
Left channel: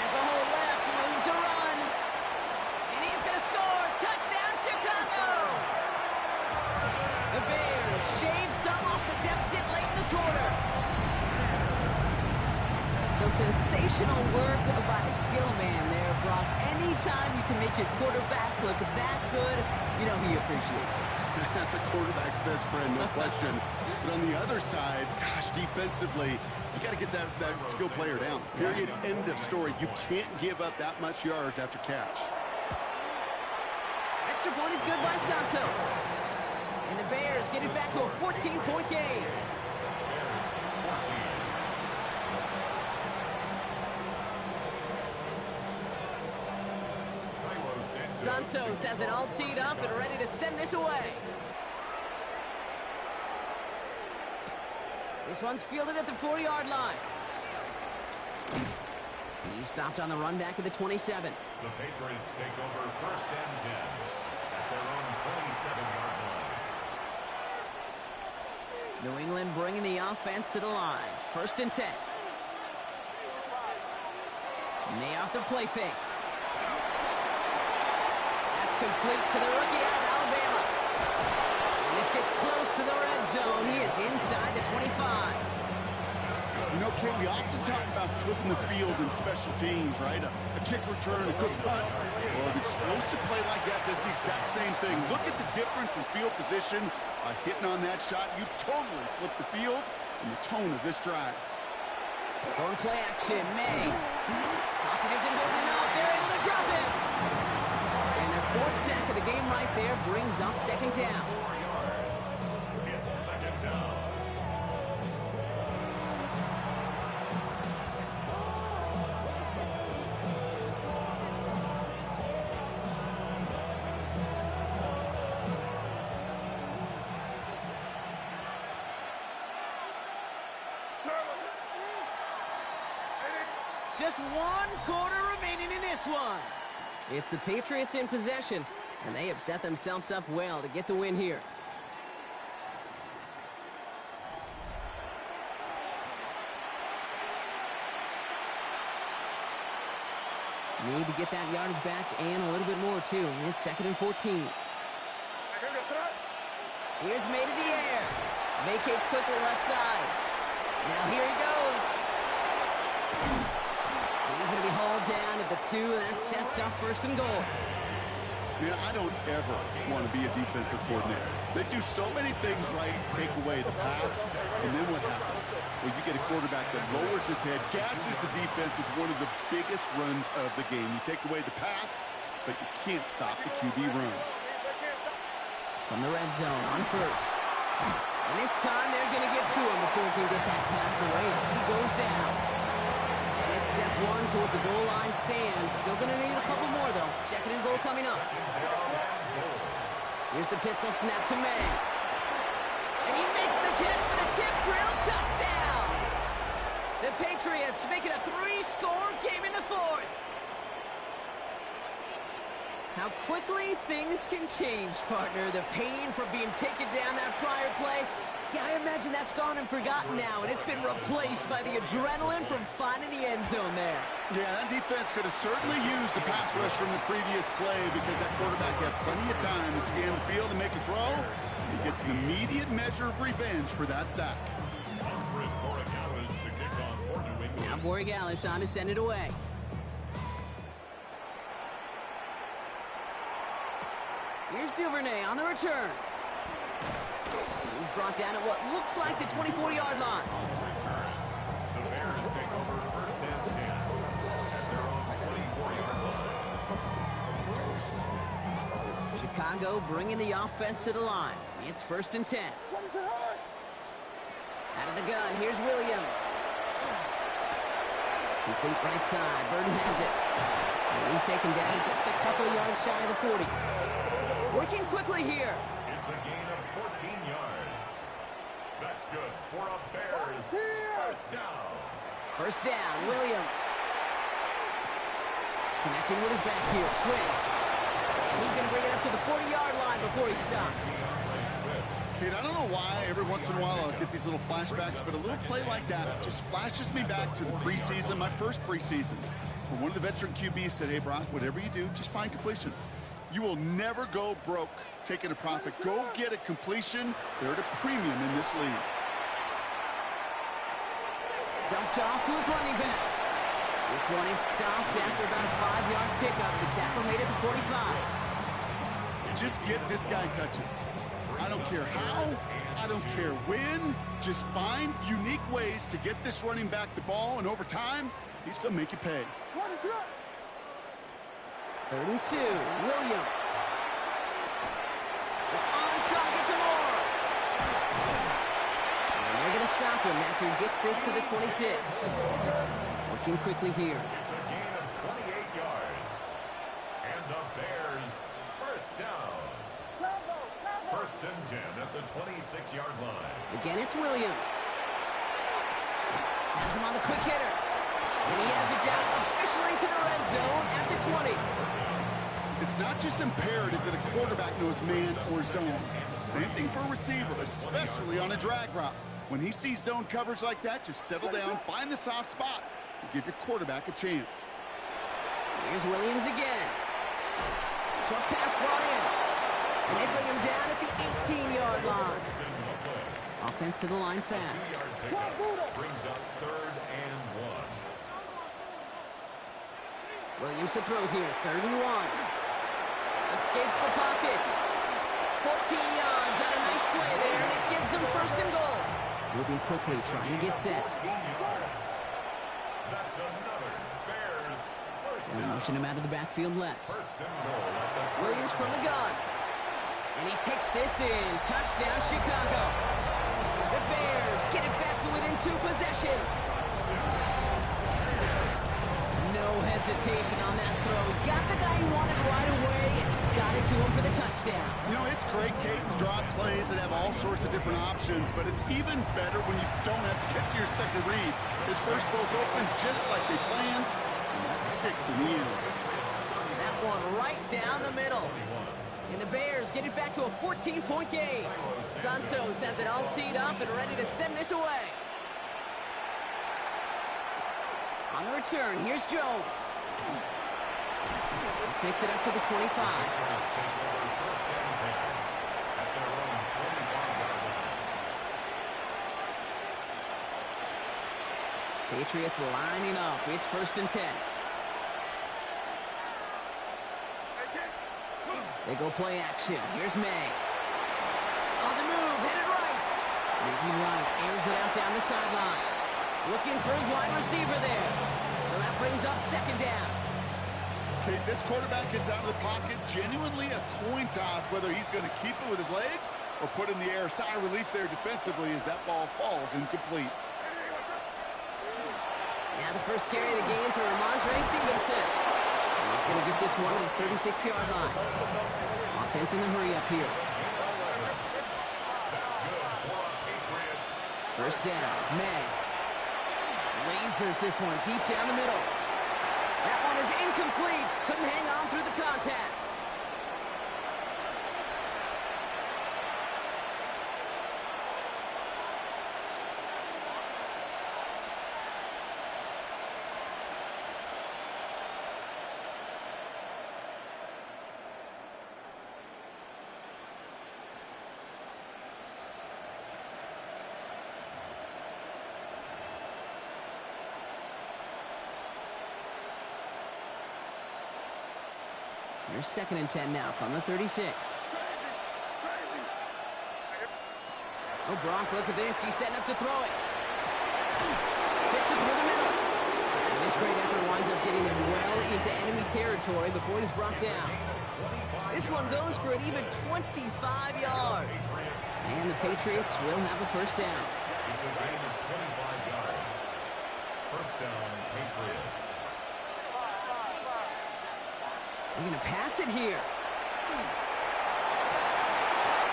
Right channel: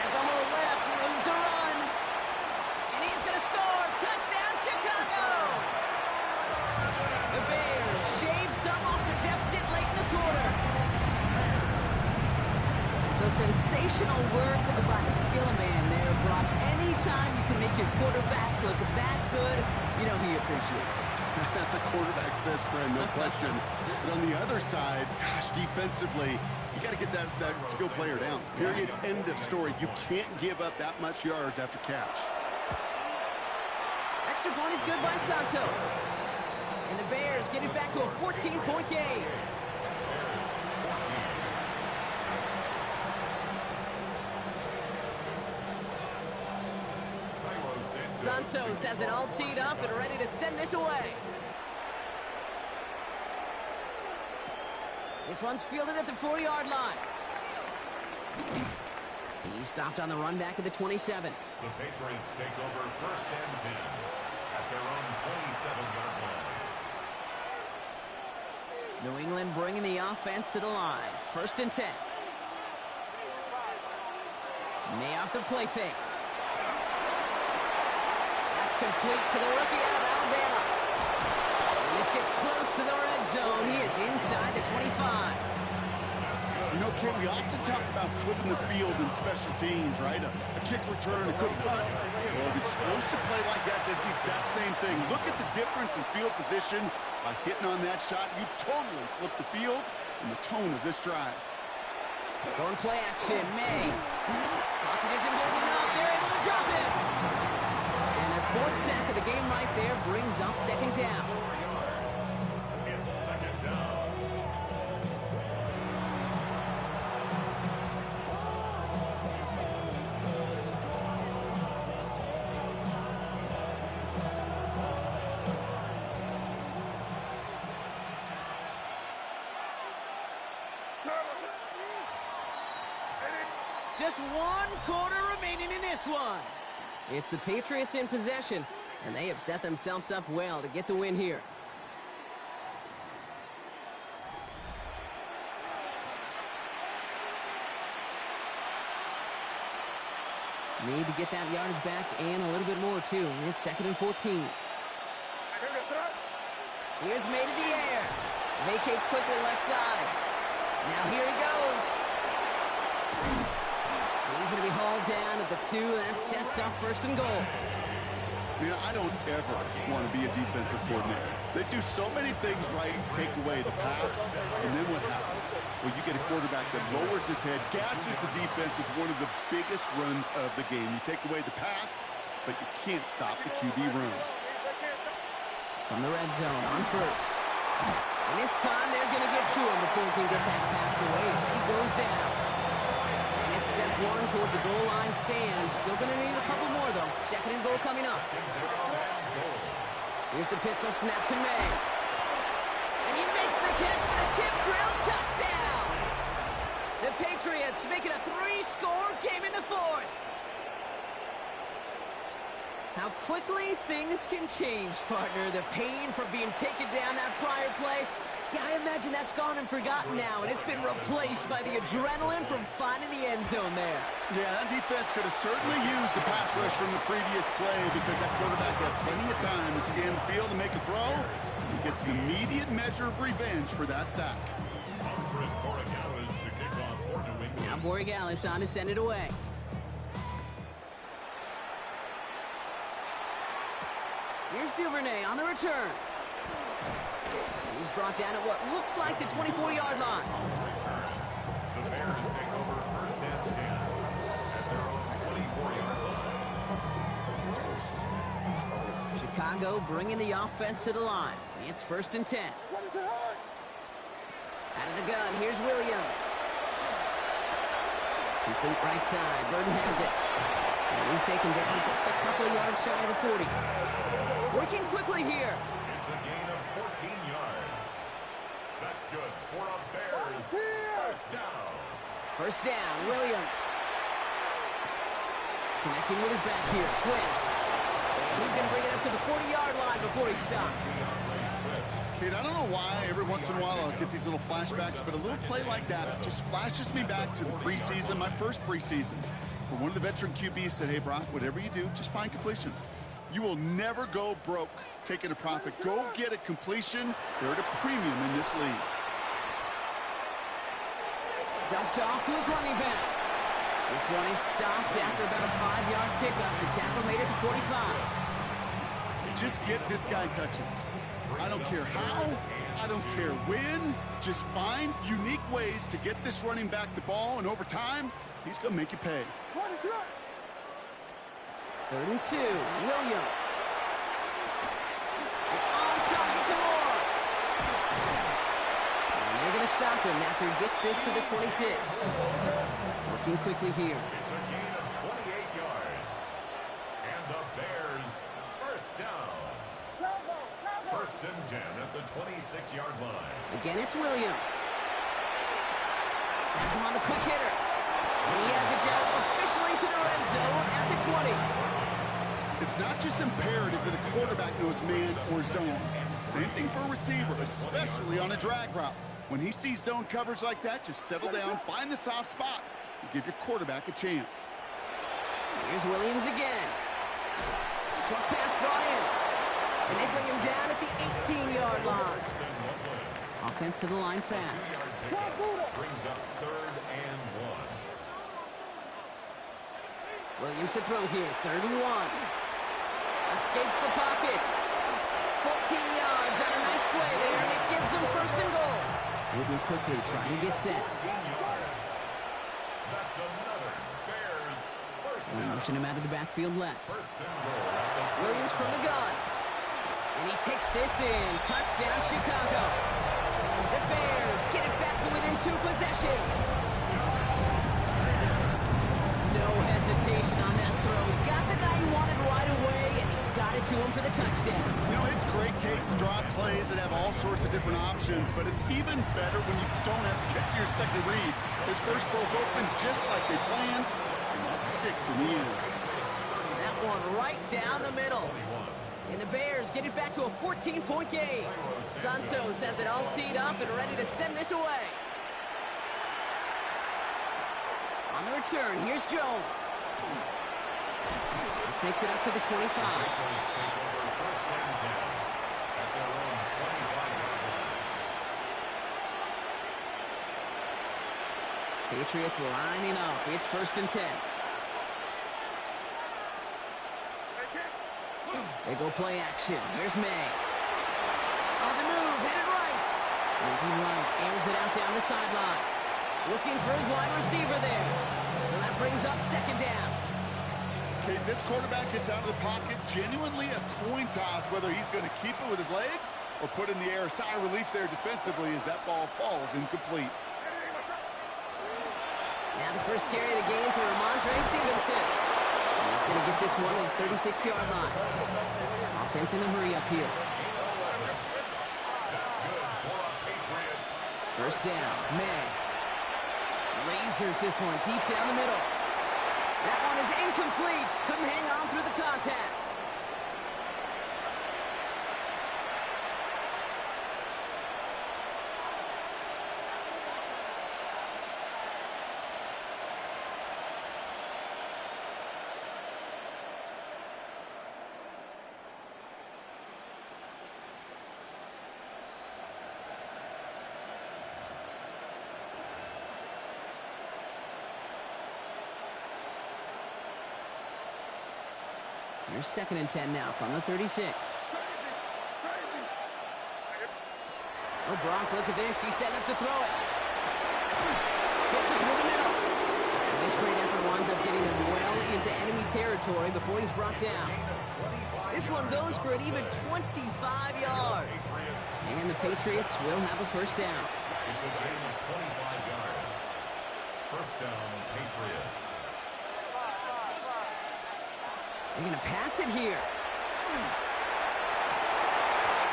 Has a hole left, room to run. And he's going to score. Touchdown, Chicago! The Bears shave some off the deficit late in the quarter. So sensational work by the skill man there, Brock. Anytime you can make your quarterback look that good, you know he appreciates it. That's a quarterback's best friend, no question. But on the other side, gosh, defensively, you got to get that skill player down. Period. End of story. You can't give up that much yards after catch. Extra point is good by Santos. And the Bears get it back to a 14-point game. Bears 14. Santos has it all teed up and ready to send this away. This one's fielded at the 40-yard line. He's stopped on the run back at the 27. The Patriots take over 1st and 10 at their own 27-yard line. New England bringing the offense to the line. 1st and 10. May off the play fake. That's complete to the rookie out of Alabama. And this gets close to the red zone. He is inside the 25. That's good. You know, Kate, we often talk about flipping the field in special teams, right? A kick return, a good punt. Well, an explosive play like that does the exact same thing. Look at the difference in field position. By hitting on that shot, you've totally flipped the field and the tone of this drive. Going play action, May. Pocket isn't holding up. They're able to drop it. And their fourth sack of the game right there brings up second down. 4 yards. It's second down. Just 1 quarter remaining in this one. It's the Patriots in possession, and they have set themselves up well to get the win here. Need to get that yardage back and a little bit more, too. It's 2nd and 14. Here's May to the air. Vacates quickly left side. Now here he goes. He's going to be hauled down at the 2. That sets up 1st and goal. Man, I don't ever want to be a defensive coordinator. They do so many things right to take away the pass, and then what happens? Well, you get a quarterback that lowers his head, gashes the defense with one of the biggest runs of the game. You take away the pass, but you can't stop the QB run. From the red zone on 1st. And this time they're going to get to him before he can get that pass away as he goes down. And it's step 1 towards the goal line stand. Still going to need a couple more, though. 2nd and goal coming up. Here's the pistol snap to May. And he makes the catch for the tip drill touchdown. The Patriots make it a 3-score game in the 4th. How quickly things can change, partner. The pain from being taken down that prior play. Yeah, I imagine that's gone and forgotten now, and it's been replaced by the adrenaline from finding the end zone there. Yeah, that defense could have certainly used the pass rush from the previous play because that quarterback had plenty of time to scan the field and make a throw. He gets an immediate measure of revenge for that sack. Now Borregales on to send it away. Here's Duvernay on the return. He's brought down at what looks like the 24-yard line. The Bears take over 1st and 10 at their own 24-yard line. Chicago bringing the offense to the line. It's 1st and 10. Out of the gun, here's Williams. Complete right side. Burden has it. And he's taken down just a couple of yards shy of the 40. Working quickly here. It's a gain of 14 yards. That's good for a Bears 1st down. 1st down, Williams. Connecting with his back here, Swift. And he's going to bring it up to the 40-yard line before he stops. Kid, I don't know why every once in a while I'll get these little flashbacks, but a little play like that just flashes me back to the preseason, my first preseason, where one of the veteran QBs said, hey, Brock, whatever you do, just find completions. You will never go broke taking a profit. Go get a completion. They're at a premium in this league. Dumped off to his running back. This one is stopped after about a 5-yard pickup. The tackle made it to 45. Just get this guy touches. I don't care how. I don't care when. Just find unique ways to get this running back the ball, and over time, he's going to make you pay. 3rd and 2, Williams. It's on target to Moore. And they're going to stop him after he gets this to the 26. Working quickly here. It's a gain of 28 yards. And the Bears 1st down. 1st and 10 at the 26-yard line. Again, it's Williams. Has him on the quick hitter. And he has it down officially to the red zone at the 20. It's not just imperative that a quarterback knows man or zone. Same thing for a receiver, especially on a drag route. When he sees zone coverage like that, just settle down, find the soft spot, and give your quarterback a chance. Here's Williams again. Short pass brought in. And they bring him down at the 18-yard line. Offense to the line fast. Brings up 3rd and 1. Williams to throw here. 3rd and 1. Escapes the pocket. 14 yards on a nice play there, and it gives them 1st and goal. Moving quickly, trying to get set. 14 yards. That's another Bears 1st They'll down. motion him out of the backfield left. 1st and goal at the Williams from the gun. And he takes this in. Touchdown, Chicago. The Bears get it back to within 2 possessions. No hesitation on that throw. He got the guy he wanted right away, and he got it to him for the touchdown. You know, it's great, Kate, to draw plays that have all sorts of different options, but it's even better when you don't have to get to your second read. His first broke open just like they planned, and that's 6 in the end. That one right down the middle. And the Bears get it back to a 14-point game. Santos has it all teed up and ready to send this away. On the return, here's Jones. This makes it up to the 25. Patriots take over 1st and 10 at their own 25-yard line. Patriots lining up. It's 1st and 10. They go play action. Here's May. On the move, headed right. Moving right, airs it out down the sideline. Looking for his wide receiver there. So that brings up 2nd down. Kate, this quarterback gets out of the pocket, genuinely a coin toss whether he's going to keep it with his legs or put in the air. Sigh of relief there defensively as that ball falls incomplete. Now the first carry of the game for Ramondre Stevenson. And he's going to get this one at the 36-yard line. Offense in the hurry up here. That's good for a Patriots. 1st down, May. Lasers this one deep down the middle. That one is incomplete. Couldn't hang on through the contact. Here's 2nd and 10 now from the 36. Oh, Gronk, look at this. He's setting up to throw it. Fits it through the middle. And this great effort winds up getting him well into enemy territory before he's brought down. This one goes for an even 25 yards. And the Patriots will have a 1st down. It's a gain of 25 yards. 1st down, Patriots. They're going to pass it here.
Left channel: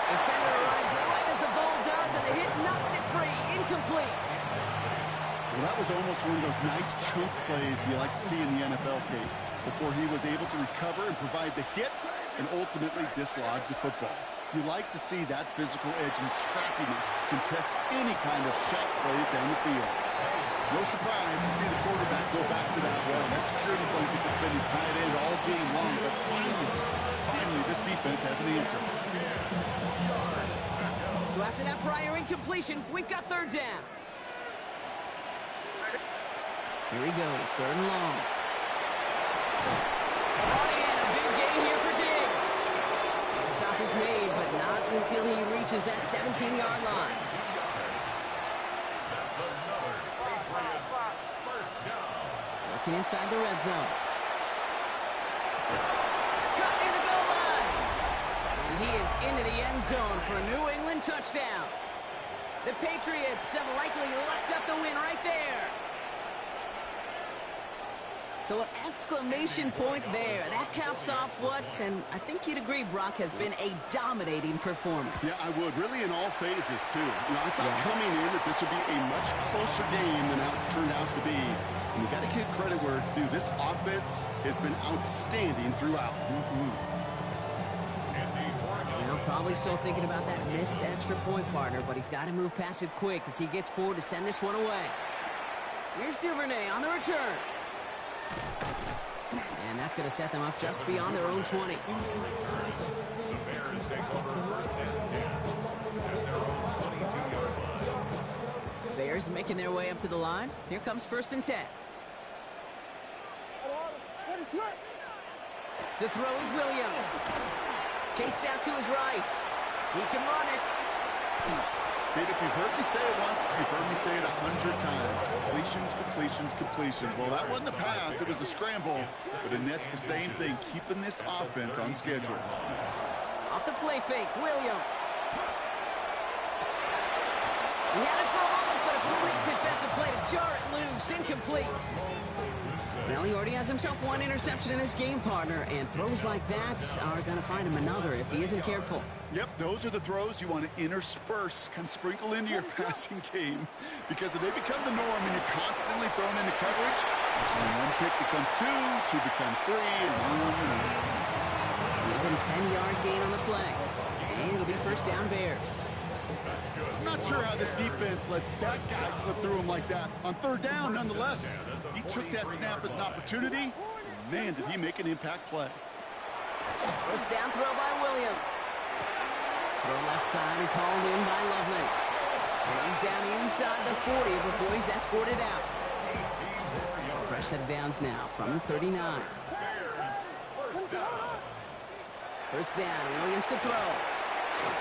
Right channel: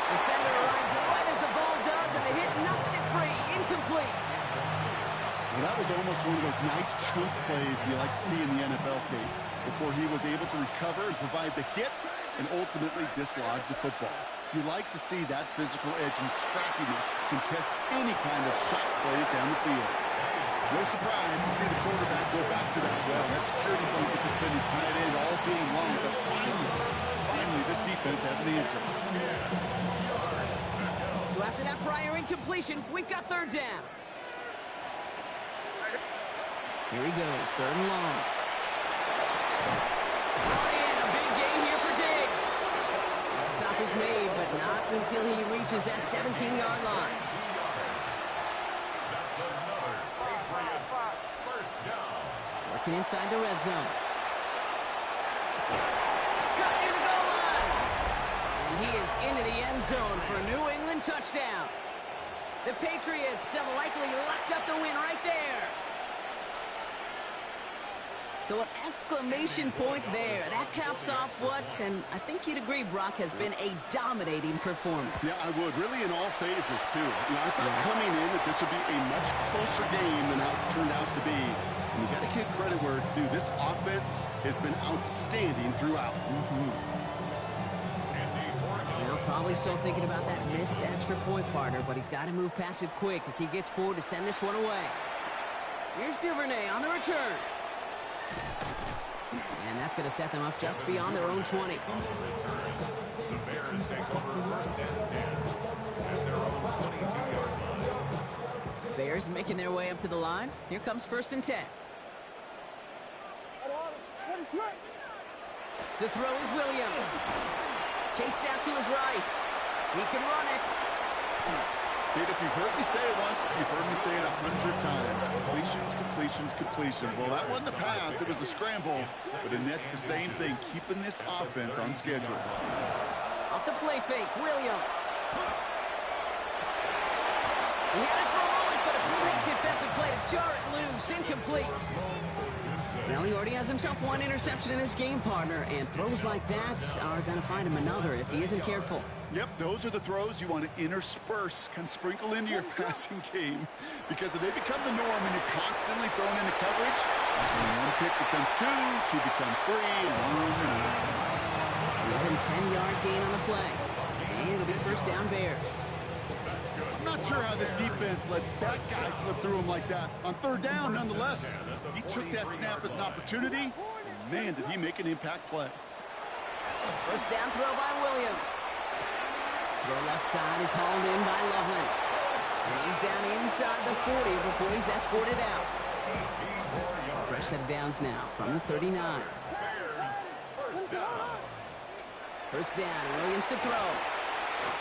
Defender arrives right as the ball does, and the hit knocks it free. Incomplete. Well, that was almost one of those nice chunk plays you like to see in the NFL, Kate, before he was able to recover and provide the hit and ultimately dislodge the football. You like to see that physical edge and scrappiness to contest any kind of shot plays down the field. No surprise to see the quarterback go back to that security blanket that's been his tight end all game long. But finally, this defense has an answer. So after that prior incompletion, we've got 3rd down. Here he goes, 3rd and long. Brought in, a big gain here for Diggs. The stop is made, but not until he reaches that 17-yard line. That's another Patriots 1st down. Working inside the red zone. Cut near the goal line. And he is into the end zone for a New England touchdown. The Patriots have likely locked up the win right there. So an exclamation point there. That caps off what, and I think you'd agree, Brock, has been a dominating performance. Yeah, I would. Really in all phases, too. You know, I thought coming in that this would be a much closer game than how it's turned out to be. And you got to give credit where it's due. This offense has been outstanding throughout. Well, probably still thinking about that missed extra point, partner, but he's got to move past it quick as he gets forward to send this one away. Here's Duvernay on the return. And that's going to set them up just beyond their own 20. On the return, the Bears take over 1st and 10 at their own 22-yard line. Bears making their way up to the line. Here comes 1st and 10. To throw is Williams. Chased out to his right. He can run it. Kid, if you've heard me say it once, you've heard me say it 100 times. Completions, completions, completions. Well, that wasn't a pass. It was a scramble. But it nets the same thing, keeping this offense on schedule. Off the play fake, Williams. He had it for a moment, but a great defensive play to jar it loose. Incomplete. Well, he already has himself one interception in this game, partner, and throws like that are going to find him another if he isn't careful. Yep, those are the throws you want to intersperse, kind of sprinkle into your passing game. Because if they become the norm and you're constantly thrown into coverage, that's when one pick becomes two becomes three, and on and on. Within 10-yard gain on the play. And it'll be 1st down Bears. I'm not sure how this defense let that guy slip through him like that. On 3rd down, nonetheless. He took that snap as an opportunity. And man, did he make an impact play. 1st down throw by Williams. Throw left side is hauled in by Loveland. And he's down inside the 40 before he's escorted out. So fresh set of downs now from the 39. 1st down, Williams to throw.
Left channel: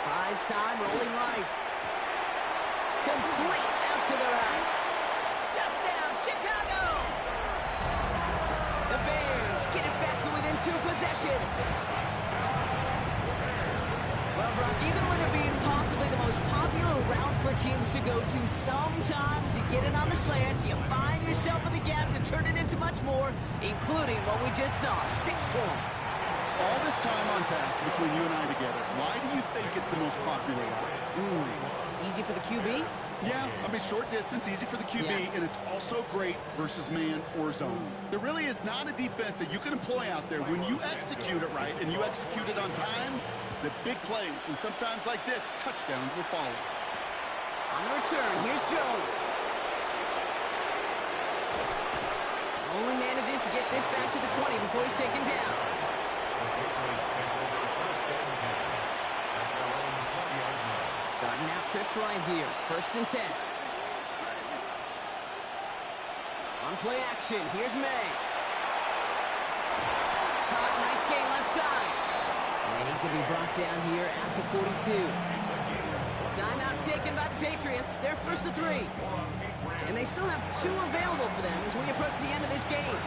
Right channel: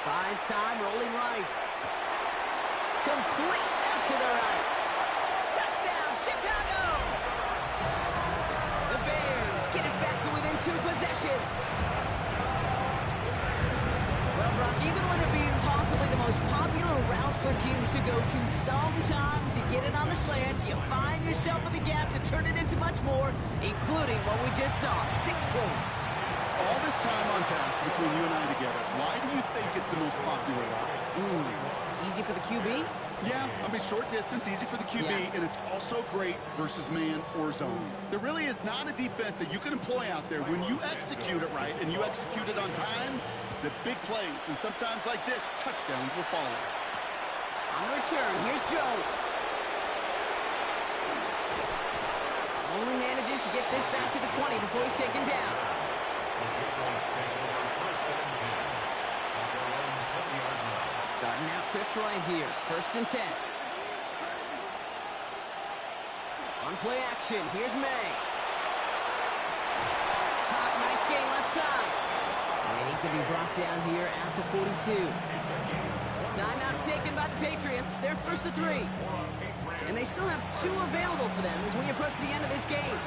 Buys time, rolling right. Complete out to the right. Touchdown, Chicago! The Bears get it back to within 2 possessions. Well, Brock, even with it being possibly the most popular route for teams to go to, sometimes you get it on the slants, you find yourself with a gap to turn it into much more, including what we just saw, 6 points. All this time on task between you and I together, why do you think it's the most popular route? Easy for the QB? Yeah, I mean, short distance, easy for the QB, and it's also great versus man or zone. There really is not a defense that you can employ out there when you execute it right and you execute it on time, the big plays, and sometimes like this, touchdowns will follow. On the return, here's Jones. Only manages to get this back to the 20 before he's taken down. The Patriots take over 1st and 10 at their own 20-yard line. Starting out trips right here. 1st and 10. On play action, here's May. Caught, nice gain left side. And he's going to be brought down here at the 42. Timeout taken by the Patriots. They're 1st to 3. And they still have 2 available for them as we approach the end of this game.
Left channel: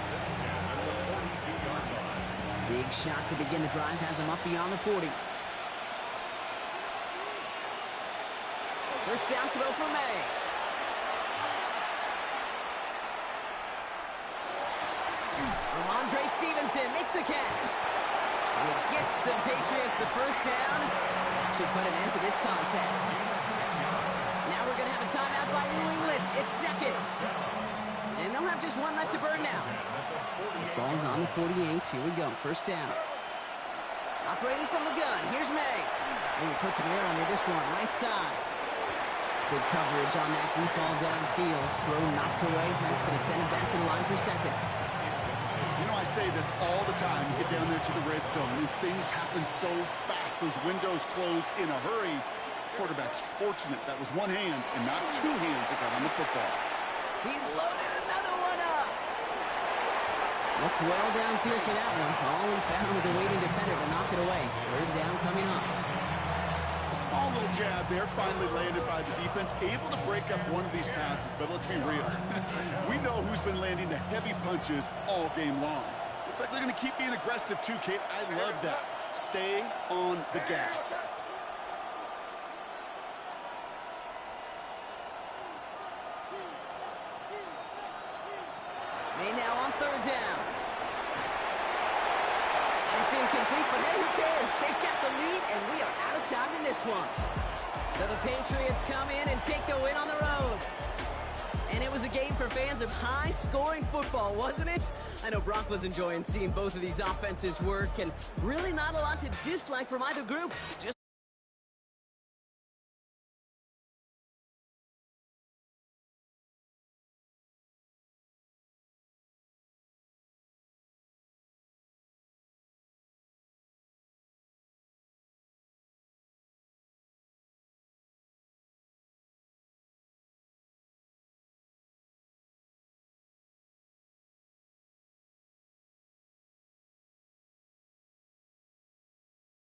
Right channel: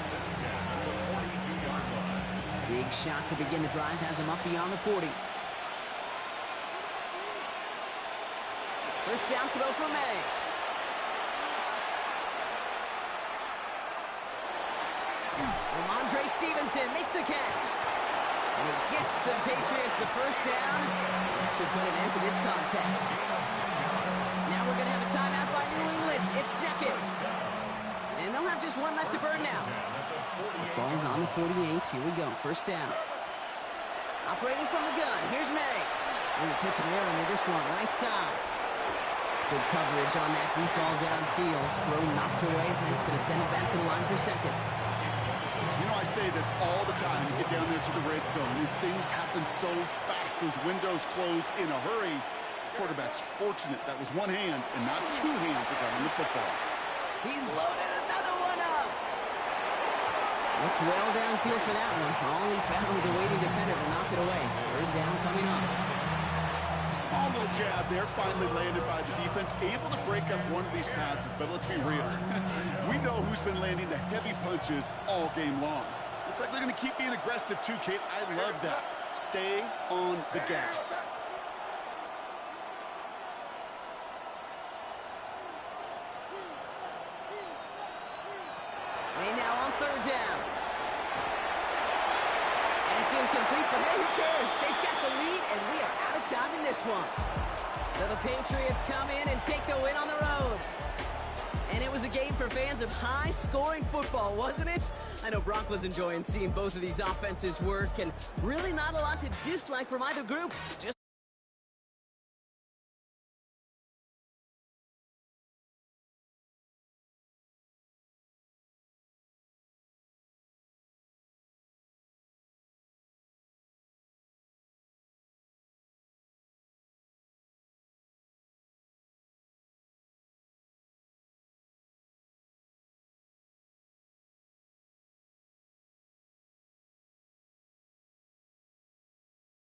Big shot to begin the drive has him up beyond the 40. 1st down throw for May. Ramondre Stevenson makes the catch. And he gets the Patriots the 1st down. That should put an end to this contest. Now we're going to have a timeout by New England. It's 2nd. And they'll have just 1 left to burn now. Ball's on the 48. Here we go. 1st down. Operating from the gun. Here's May. And he puts an air under this one. Right side. Good coverage on that deep ball downfield. Throw knocked away. That's going to send it back to the line for 2nd. You know, I say this all the time. You get down there to the red zone, and things happen so fast. Those windows close in a hurry. Quarterback's fortunate that was 1 hand and not 2 hands that got on the football. He's loaded another one up. Looked well downfield for that one. All he found was a waiting defender to knock it away. 3rd down coming up. A small little jab there, finally landed by the defense. Able to break up one of these passes, but let's be real. We know who's been landing the heavy punches all game long. Looks like they're going to keep being aggressive too, Kate. I love that. Stay on the gas. May now on 3rd down. And it's incomplete, but hey, who cares? They've got the lead, and we are out of time in this one. So the Patriots come in and take the win on the road. And it was a game for fans of high-scoring football, wasn't it? I know Brock was enjoying seeing both of these offenses work, and really not a lot to dislike from either group. Just